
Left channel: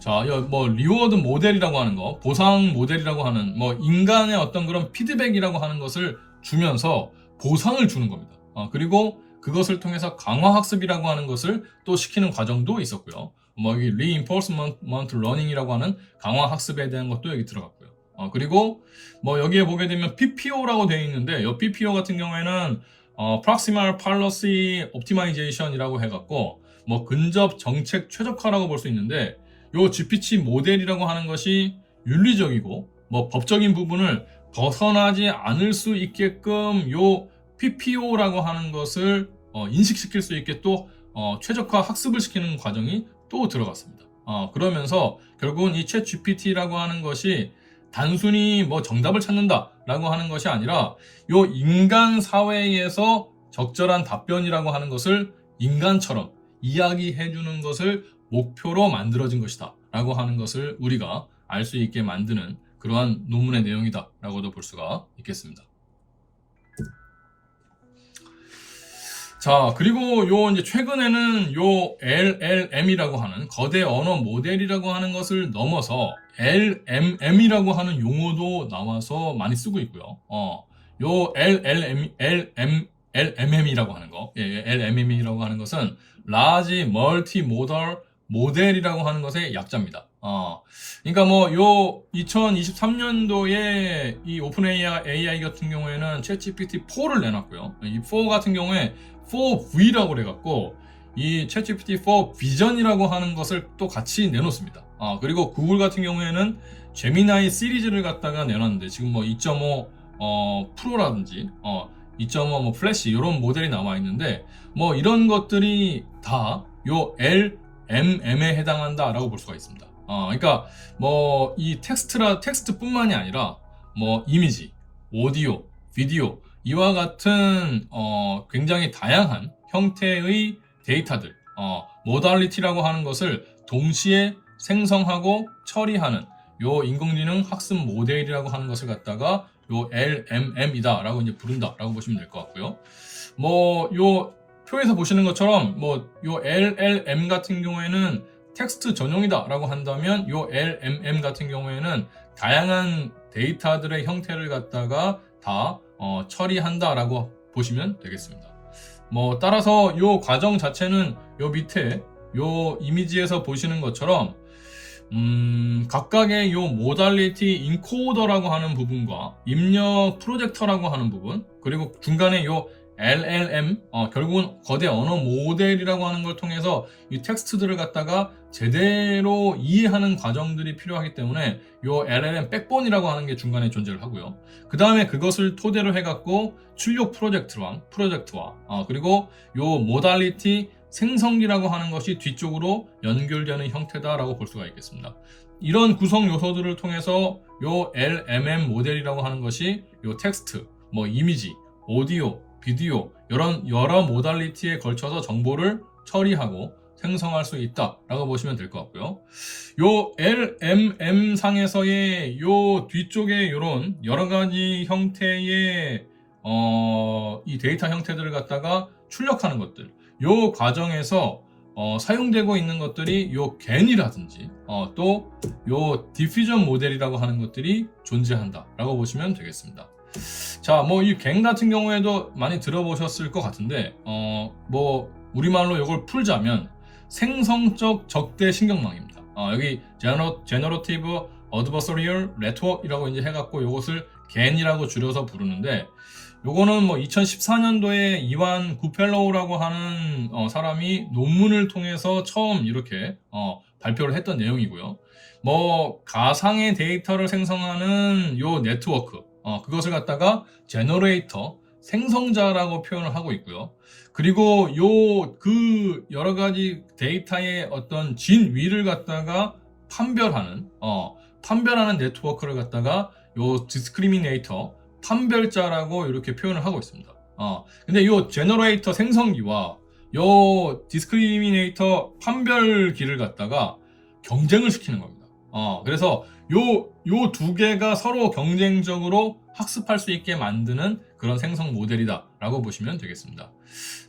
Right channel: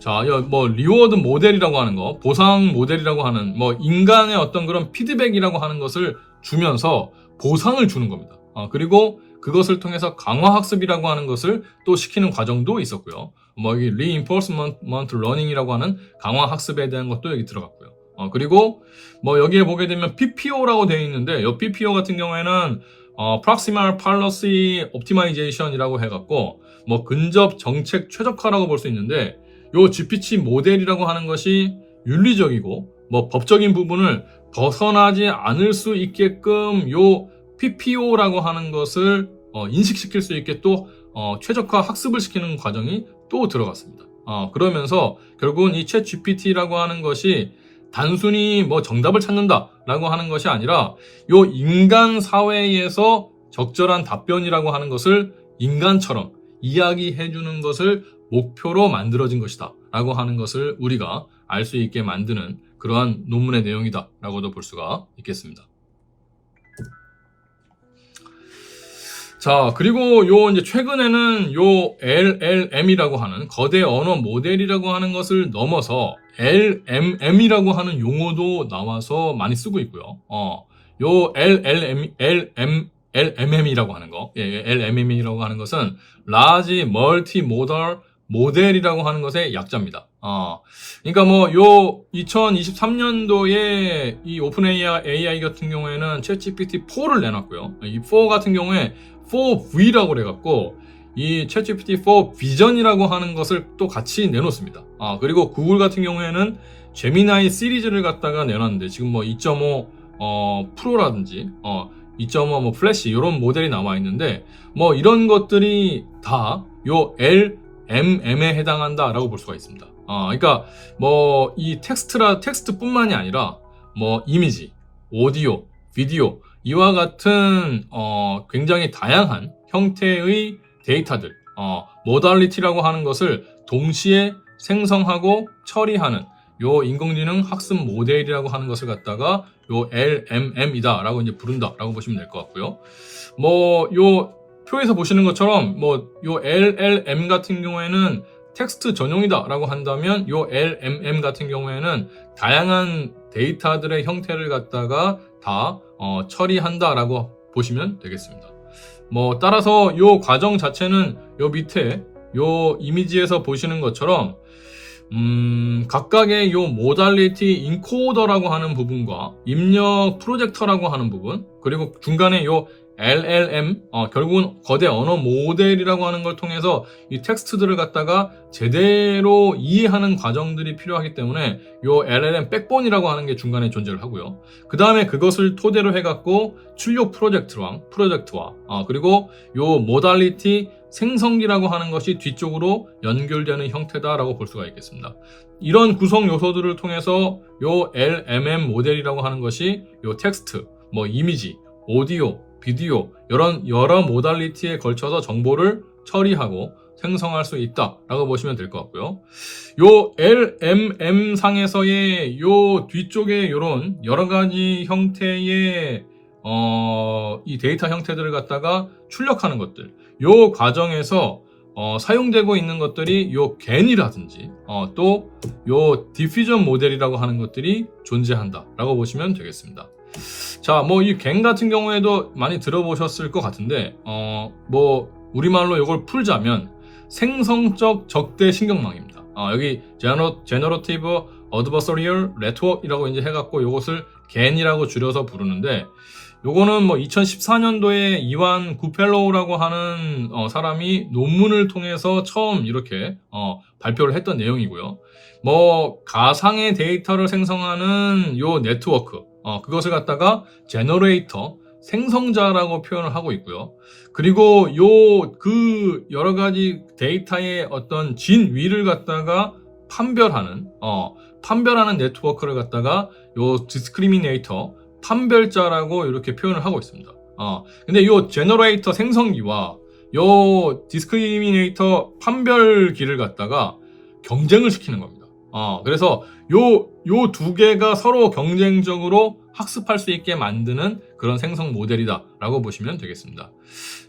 자, 뭐 리워드 모델이라고 하는 거, 보상 모델이라고 하는 뭐 인간의 어떤 그런 피드백이라고 하는 것을 주면서 보상을 주는 겁니다. 그리고 그것을 통해서 강화 학습이라고 하는 것을 또 시키는 과정도 있었고요. 뭐 여기 reinforcement learning이라고 하는 강화 학습에 대한 것도 여기 들어갔고요. 그리고 뭐 여기에 보게 되면 PPO라고 되어 있는데 이 PPO 같은 경우에는 proximal policy optimization이라고 해갖고 뭐 근접 정책 최적화라고 볼 수 있는데, 요 GPT 모델이라고 하는 것이 윤리적이고 뭐 법적인 부분을 벗어나지 않을 수 있게끔 요 PPO라고 하는 것을 인식시킬 수 있게 또 최적화 학습을 시키는 과정이 또 들어갔습니다. 그러면서 결국은 이 챗 GPT라고 하는 것이 단순히 뭐 정답을 찾는다라고 하는 것이 아니라 요 인간 사회에서 적절한 답변이라고 하는 것을 인간처럼 이야기해주는 것을 목표로 만들어진 것이다 라고 하는 것을 우리가 알 수 있게 만드는 그러한 논문의 내용이다 라고도 볼 수가 있겠습니다. 자, 그리고 요 이제 최근에는 요 LLM이라고 하는 거대 언어 모델이라고 하는 것을 넘어서 LMM이라고 하는 용어도 나와서 많이 쓰고 있고요. 요 LMM이라고 하는 거, LMM이라고 하는 것은 Large Multimodal 모델이라고 하는 것의 약자입니다. 그러니까 뭐 요 2023년도에 이 오픈AI 같은 경우에는 챗GPT4를 내놨고요. 이 4 같은 경우에 4V라고 그래갖고 이 챗GPT4 비전이라고 하는 것을 또 같이 내놓습니다. 그리고 구글 같은 경우에는 제미나이 시리즈를 갖다가 내놨는데 지금 뭐 2.5 프로라든지 2.5 뭐 플래시 이런 모델이 나와 있는데 뭐 이런 것들이 다 요 LMM에 해당한다라고 볼 수가 있습니다. 그러니까 뭐 이 텍스트뿐만이 아니라 뭐 이미지, 오디오, 비디오 이와 같은 굉장히 다양한 형태의 데이터들, 모달리티라고 하는 것을 동시에 생성하고 처리하는 요 인공지능 학습 모델이라고 하는 것을 갖다가 요 LMM이다라고 이제 부른다라고 보시면 될 것 같고요. 뭐 요 표에서 보시는 것처럼 뭐 요 LLM 같은 경우에는 텍스트 전용이다라고 한다면 요 LMM 같은 경우에는 다양한 데이터들의 형태를 갖다가 다 처리한다라고 보시면 되겠습니다. 뭐 따라서 요 과정 자체는 요 밑에 요 이미지에서 보시는 것처럼 각각의 요 모달리티 인코더라고 하는 부분과 입력 프로젝터라고 하는 부분, 그리고 중간에 요 LLM 결국은 거대 언어 모델이라고 하는 걸 통해서 이 텍스트들을 갖다가 제대로 이해하는 과정들이 필요하기 때문에 요 LLM 백본이라고 하는 게 중간에 존재를 하고요. 그 다음에 그것을 토대로 해갖고 출력 프로젝트와 그리고 요 모달리티 생성기라고 하는 것이 뒤쪽으로 연결되는 형태다라고 볼 수가 있겠습니다. 이런 구성 요소들을 통해서 요 LMM 모델이라고 하는 것이 요 텍스트, 뭐 이미지, 오디오, 비디오 이런 여러 모달리티에 걸쳐서 정보를 처리하고 생성할 수 있다라고 보시면 될 것 같고요. 요 LMM 상에서의 요 뒤쪽에 이런 여러 가지 형태의 이 데이터 형태들을 갖다가 출력하는 것들, 요 과정에서 사용되고 있는 것들이 요 겐이라든지 또 요 디퓨전 모델이라고 하는 것들이 존재한다라고 보시면 되겠습니다. 자, 뭐 이 겐 같은 경우에도 많이 들어보셨을 것 같은데 뭐 우리말로 이걸 풀자면 생성적 적대 신경망입니다. 여기 Generative Adversarial Network이라고 이제 해갖고 이것을 겐이라고 줄여서 부르는데, 요거는 뭐 2014년도에 이완 구펠로우라고 하는 사람이 논문을 통해서 처음 이렇게 발표를 했던 내용이고요. 뭐 가상의 데이터를 생성하는 요 네트워크, 그것을 갖다가 제너레이터, 생성자라고 표현을 하고 있고요. 그리고 그 여러 가지 데이터의 어떤 진위를 갖다가 판별하는 네트워크를 갖다가 요 디스크리미네이터, 판별자라고 이렇게 표현을 하고 있습니다. 근데 요 제너레이터 생성기와 요 디스크리미네이터 판별기를 갖다가 경쟁을 시키는 겁니다. 그래서 요 두 개가 서로 경쟁적으로 학습할 수 있게 만드는 그런 생성 모델이다라고 보시면 되겠습니다.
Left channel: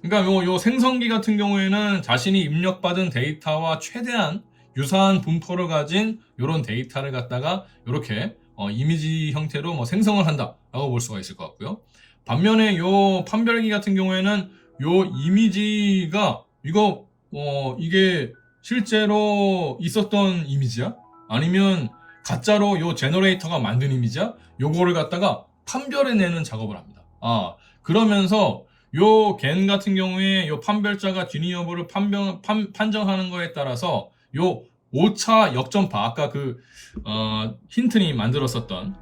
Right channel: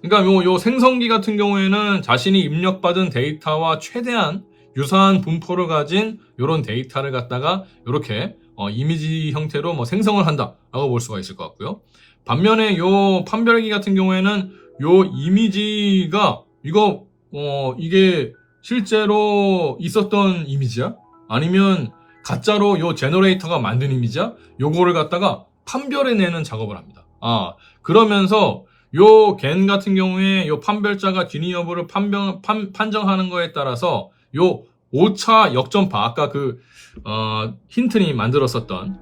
그러니까 요 생성기 같은 경우에는 자신이 입력받은 데이터와 최대한 유사한 분포를 가진 이런 데이터를 갖다가 이렇게 이미지 형태로 뭐 생성을 한다라고 볼 수가 있을 것 같고요. 반면에 요 판별기 같은 경우에는 요 이미지가 이게 실제로 있었던 이미지야? 아니면 가짜로 요 제너레이터가 만든 이미지야? 요거를 갖다가 판별해내는 작업을 합니다. 그러면서 요 겐 같은 경우에 요 판별자가 진위 여부를 판정하는 거에 따라서 요 오차 역전파, 아까 힌트니 만들었었던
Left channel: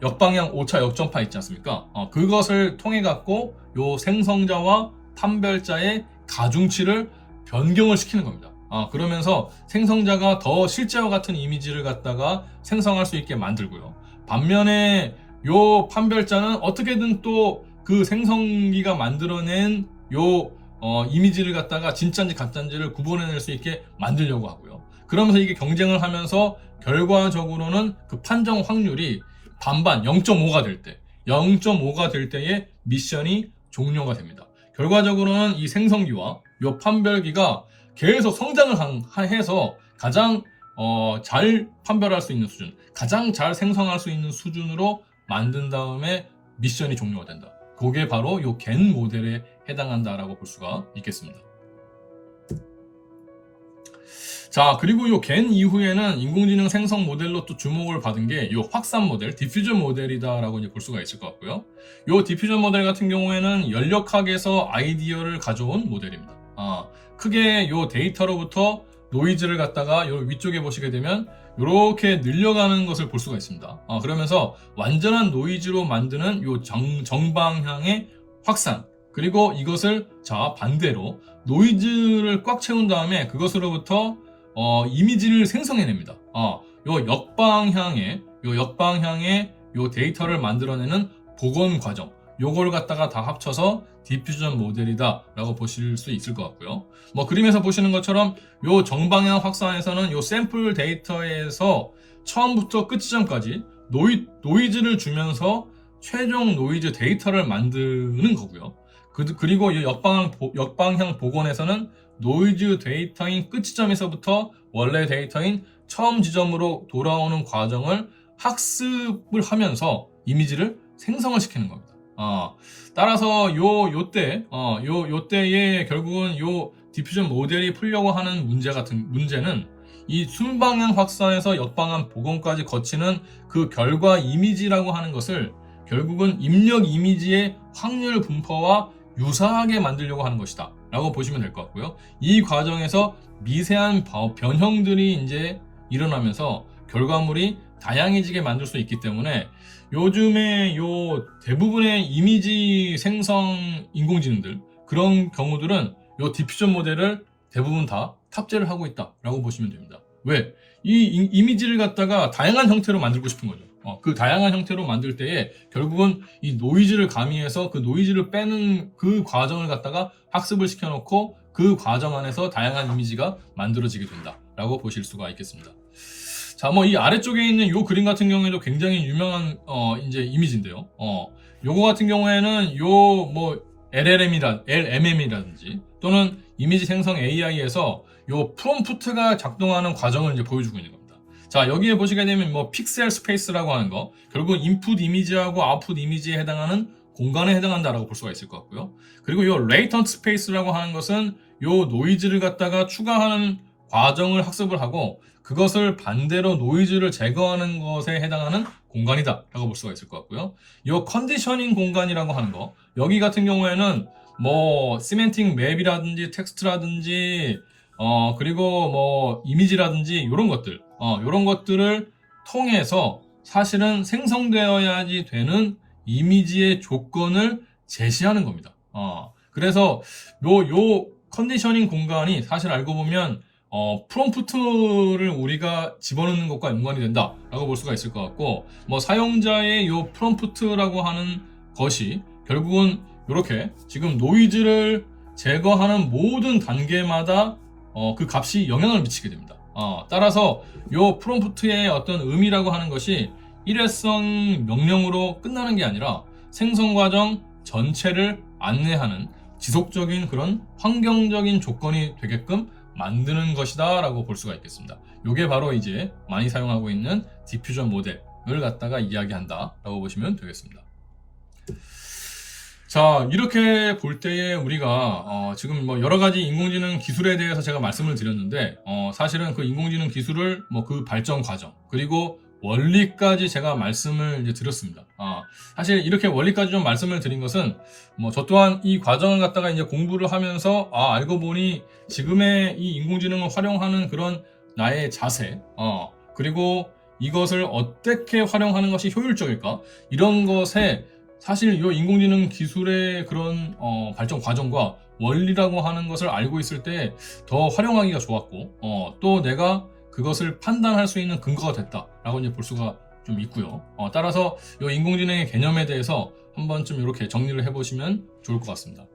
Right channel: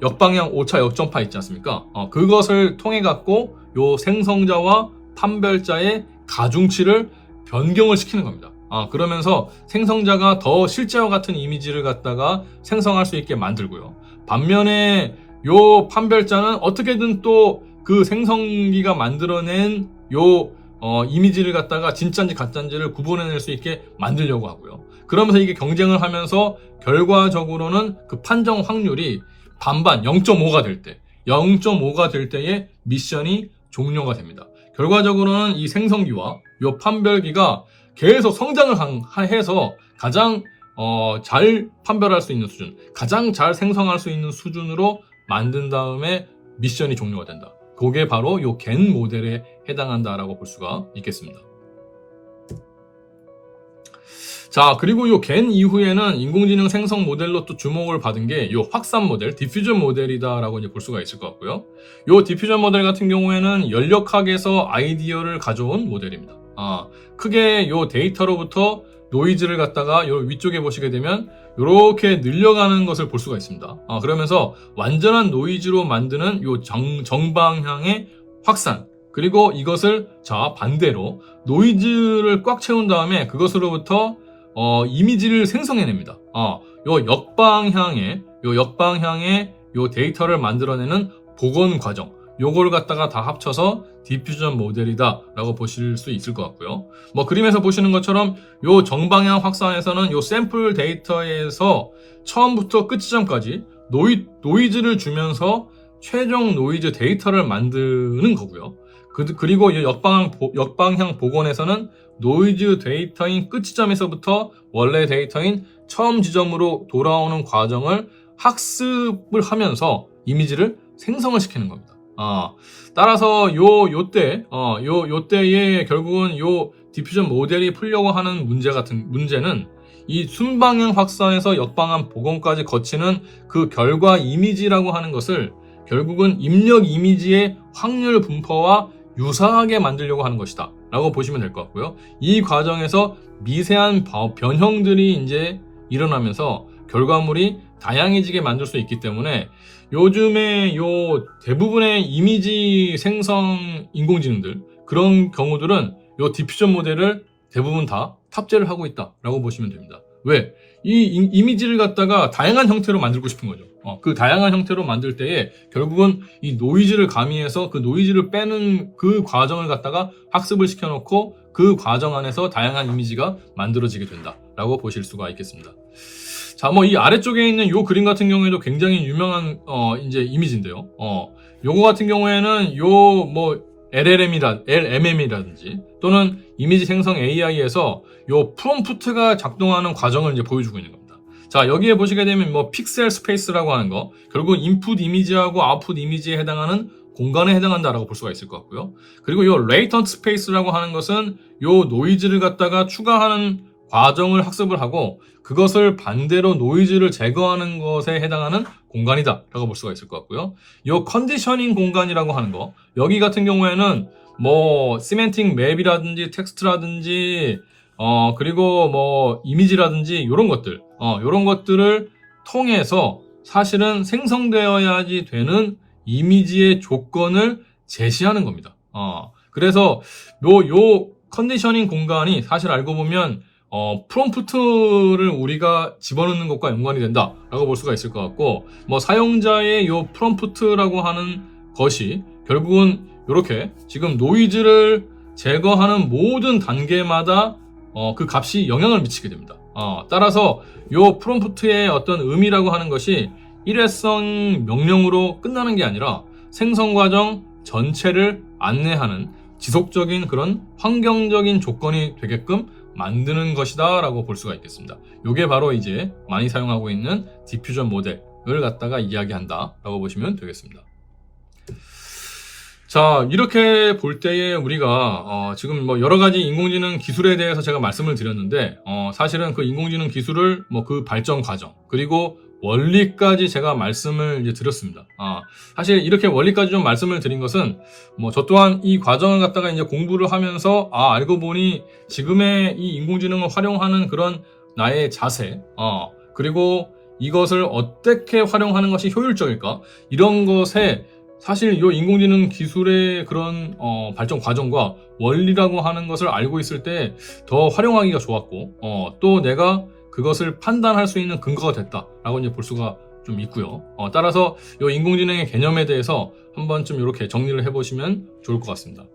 역방향 오차 역전파 있지 않습니까? 그것을 통해 갖고 요 생성자와 판별자의 가중치를 변경을 시키는 겁니다. 그러면서 생성자가 더 실제와 같은 이미지를 갖다가 생성할 수 있게 만들고요. 반면에 요 판별자는 어떻게든 또 그 생성기가 만들어낸 요 이미지를 갖다가 진짜인지 가짜인지를 구분해낼 수 있게 만들려고 하고요. 그러면서 이게 경쟁을 하면서 결과적으로는 그 판정 확률이 반반 0.5가 될 때에 미션이 종료가 됩니다. 결과적으로는 이 생성기와 요 판별기가 계속 성장을 해서 가장 잘 판별할 수 있는 수준, 가장 잘 생성할 수 있는 수준으로 만든 다음에 미션이 종료가 된다. 그게 바로 요 겐 모델에 해당한다라고 볼 수가 있겠습니다. 자, 그리고 요 겐 이후에는 인공지능 생성 모델로 또 주목을 받은 게 요 확산 모델, 디퓨전 모델이다라고 이제 볼 수가 있을 것 같고요. 요 디퓨전 모델 같은 경우에는 연력학에서 아이디어를 가져온 모델입니다. 크게 요 데이터로부터 노이즈를 갖다가 요 위쪽에 보시게 되면 이렇게 늘려가는 것을 볼 수가 있습니다. 그러면서 완전한 노이즈로 만드는 요 정방향의 확산, 그리고 이것을 반대로 노이즈를 꽉 채운 다음에 그것으로부터 이미지를 생성해냅니다. 요 역방향의 요 데이터를 만들어내는 복원 과정, 요걸 갖다가 다 합쳐서 디퓨전 모델이다 라고 보실 수 있을 것 같고요. 뭐 그림에서 보시는 것처럼 요 정방향 확산에서는 요 샘플 데이터에서 처음부터 끝 지점까지 노이즈를 주면서 최종 노이즈 데이터를 만드는 거고요. 그리고 이 역방향 복원에서는 노이즈 데이터인 끝 지점에서부터 원래 데이터인 처음 지점으로 돌아오는 과정을 학습을 하면서 이미지를 생성을 시키는 겁니다. 따라서 요때에 결국은 요 디퓨전 모델이 풀려고 하는 문제는 이 순방향 확산에서 역방향 복원까지 거치는 그 결과 이미지라고 하는 것을 결국은 입력 이미지의 확률 분포와 유사하게 만들려고 하는 것이다 라고 보시면 될 것 같고요. 이 과정에서 미세한 변형들이 이제 일어나면서 결과물이 다양해지게 만들 수 있기 때문에 요즘에 요 대부분의 이미지 생성 인공지능들, 그런 경우들은 요 디퓨전 모델을 대부분 다 탑재를 하고 있다라고 보시면 됩니다. 왜? 이 이미지를 갖다가 다양한 형태로 만들고 싶은 거죠. 그 다양한 형태로 만들 때에 결국은 이 노이즈를 가미해서 그 노이즈를 빼는 그 과정을 갖다가 학습을 시켜놓고 그 과정 안에서 다양한 이미지가 만들어지게 된다라고 보실 수가 있겠습니다. 자, 뭐 이 아래쪽에 있는 요 그림 같은 경우에도 굉장히 유명한 이제 이미지인데요. 요거 같은 경우에는 요 뭐 LMM이라든지 또는 이미지 생성 AI에서 요 프롬프트가 작동하는 과정을 이제 보여주고 있는 겁니다. 자, 여기에 보시게 되면 뭐 픽셀 스페이스라고 하는 거, 결국 인풋 이미지하고 아웃풋 이미지에 해당하는 공간에 해당한다라고 볼 수가 있을 것 같고요. 그리고 요 레이턴트 스페이스라고 하는 것은 요 노이즈를 갖다가 추가하는 과정을 학습을 하고 그것을 반대로 노이즈를 제거하는 것에 해당하는 공간이다 라고 볼 수가 있을 것 같고요. 이 컨디셔닝 공간이라고 하는 거, 여기 같은 경우에는 뭐 시멘틱 맵이라든지 텍스트라든지 그리고 뭐 이미지라든지 이런 것들 이런 것들을 통해서 사실은 생성되어야지 되는 이미지의 조건을 제시하는 겁니다. 그래서 요 컨디셔닝 공간이 사실 알고 보면 프롬프트를 우리가 집어넣는 것과 연관이 된다라고 볼 수가 있을 것 같고, 뭐 사용자의 요 프롬프트라고 하는 것이 결국은 이렇게 지금 노이즈를 제거하는 모든 단계마다 그 값이 영향을 미치게 됩니다. 따라서 요 프롬프트의 어떤 의미라고 하는 것이 일회성 명령으로 끝나는 게 아니라 생성 과정 전체를 안내하는 지속적인 그런 환경적인 조건이 되게끔 만드는 것이다 라고 볼 수가 있겠습니다. 이게 바로 이제 많이 사용하고 있는 디퓨전 모델을 갖다가 이야기한다 라고 보시면 되겠습니다. 자, 이렇게 볼 때에 우리가 지금 뭐 여러 가지 인공지능 기술에 대해서 제가 말씀을 드렸는데 사실은 그 인공지능 기술을 뭐 그 발전 과정 그리고 원리까지 제가 말씀을 이제 드렸습니다. 사실 이렇게 원리까지 좀 말씀을 드린 것은 뭐 저 또한 이 과정을 갖다가 이제 공부를 하면서 알고 보니 지금의 이 인공지능을 활용하는 그런 나의 자세 그리고 이것을 어떻게 활용하는 것이 효율적일까 이런 것에 사실 이 인공지능 기술의 그런 발전 과정과 원리라고 하는 것을 알고 있을 때 더 활용하기가 좋았고 또 내가 그것을 판단할 수 있는 근거가 됐다라고 이제 볼 수가 좀 있고요. 따라서 이 인공지능의 개념에 대해서 한 번쯤 이렇게 정리를 해보시면 좋을 것 같습니다.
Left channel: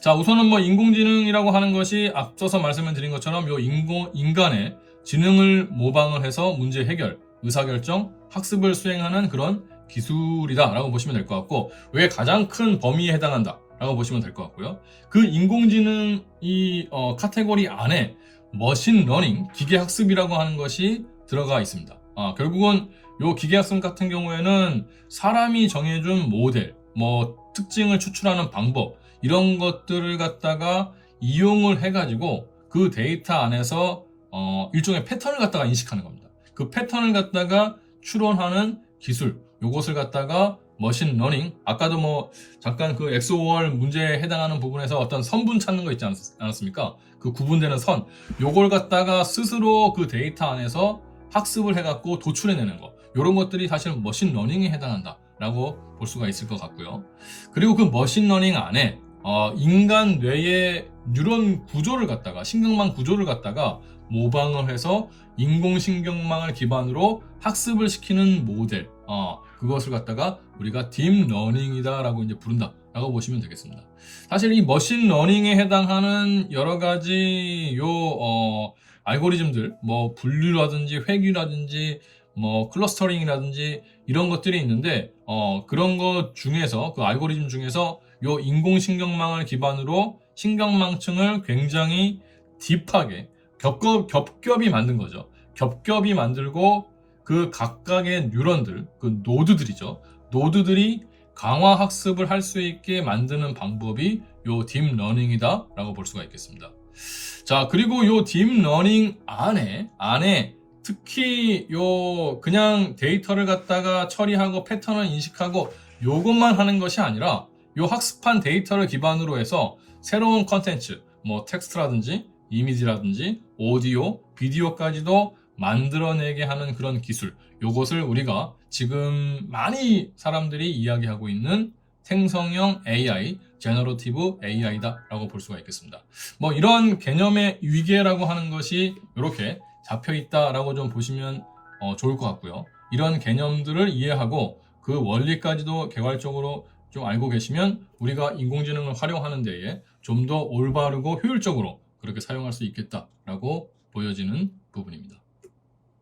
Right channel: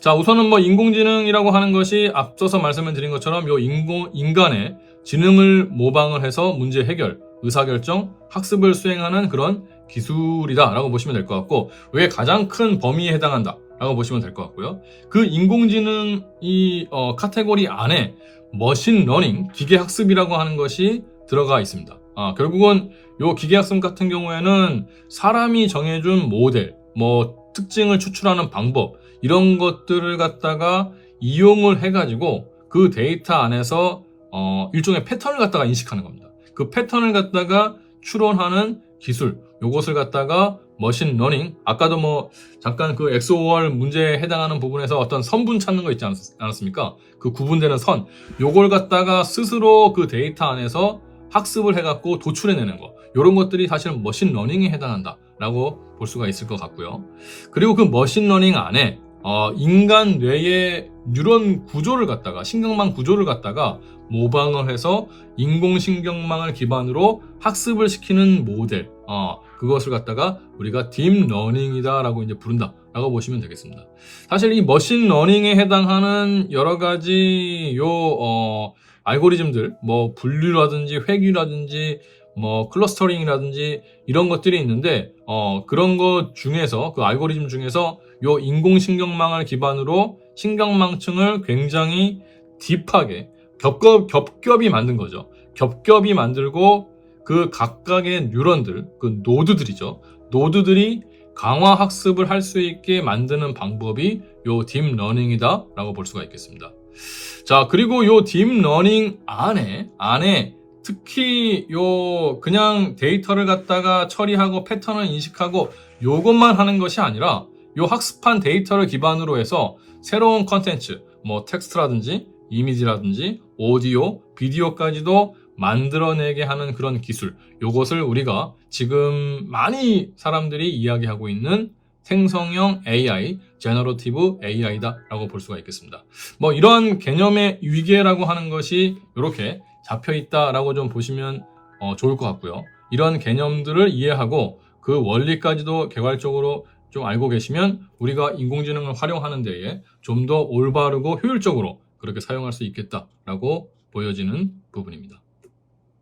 자, 우선은 뭐 인공지능이라고 하는 것이 앞서서 말씀을 드린 것처럼 이 인간의 지능을 모방을 해서 문제 해결, 의사결정, 학습을 수행하는 그런 기술이다라고 보시면 될 것 같고, 왜 가장 큰 범위에 해당한다라고 보시면 될 것 같고요. 그 인공지능 이 카테고리 안에 머신러닝, 기계학습이라고 하는 것이 들어가 있습니다. 결국은 요 기계학습 같은 경우에는 사람이 정해준 모델, 뭐 특징을 추출하는 방법 이런 것들을 갖다가 이용을 해가지고 그 데이터 안에서 일종의 패턴을 갖다가 인식하는 겁니다. 그 패턴을 갖다가 추론하는 기술, 요것을 갖다가 머신러닝, 아까도 뭐 잠깐 그 XOR 문제에 해당하는 부분에서 어떤 선분 찾는 거 있지 않았습니까? 그 구분되는 선, 요걸 갖다가 스스로 그 데이터 안에서 학습을 해갖고 도출해내는 거, 요런 것들이 사실 머신러닝에 해당한다라고 볼 수가 있을 것 같고요. 그리고 그 머신러닝 안에 인간 뇌의 뉴런 구조를 갖다가, 신경망 구조를 갖다가 모방을 해서 인공신경망을 기반으로 학습을 시키는 모델, 그것을 갖다가 우리가 딥러닝이다 라고 이제 부른다 라고 보시면 되겠습니다. 사실 이 머신러닝에 해당하는 여러 가지 알고리즘들, 뭐 분류라든지 회귀라든지 뭐 클러스터링이라든지 이런 것들이 있는데 그런 것 중에서, 그 알고리즘 중에서 요 인공신경망을 기반으로 신경망층을 굉장히 딥하게 겹겹이 만든 거죠. 겹겹이 만들고 그 각각의 뉴런들, 그 노드들이죠. 노드들이 강화 학습을 할 수 있게 만드는 방법이 요 딥러닝이다 라고 볼 수가 있겠습니다. 자, 그리고 요 딥러닝 안에 특히 요 그냥 데이터를 갖다가 처리하고 패턴을 인식하고 요것만 하는 것이 아니라 요 학습한 데이터를 기반으로 해서 새로운 컨텐츠, 뭐 텍스트라든지 이미지라든지 오디오, 비디오까지도 만들어내게 하는 그런 기술, 요것을 우리가 지금 많이 사람들이 이야기하고 있는 생성형 AI, 제너러티브 AI다라고 볼 수가 있겠습니다. 뭐 이런 개념의 위계라고 하는 것이 이렇게 잡혀 있다라고 좀 보시면 좋을 것 같고요. 이런 개념들을 이해하고 그 원리까지도 개괄적으로 좀 알고 계시면 우리가 인공지능을 활용하는 데에 좀 더 올바르고 효율적으로 그렇게 사용할 수 있겠다라고 보여지는 부분입니다.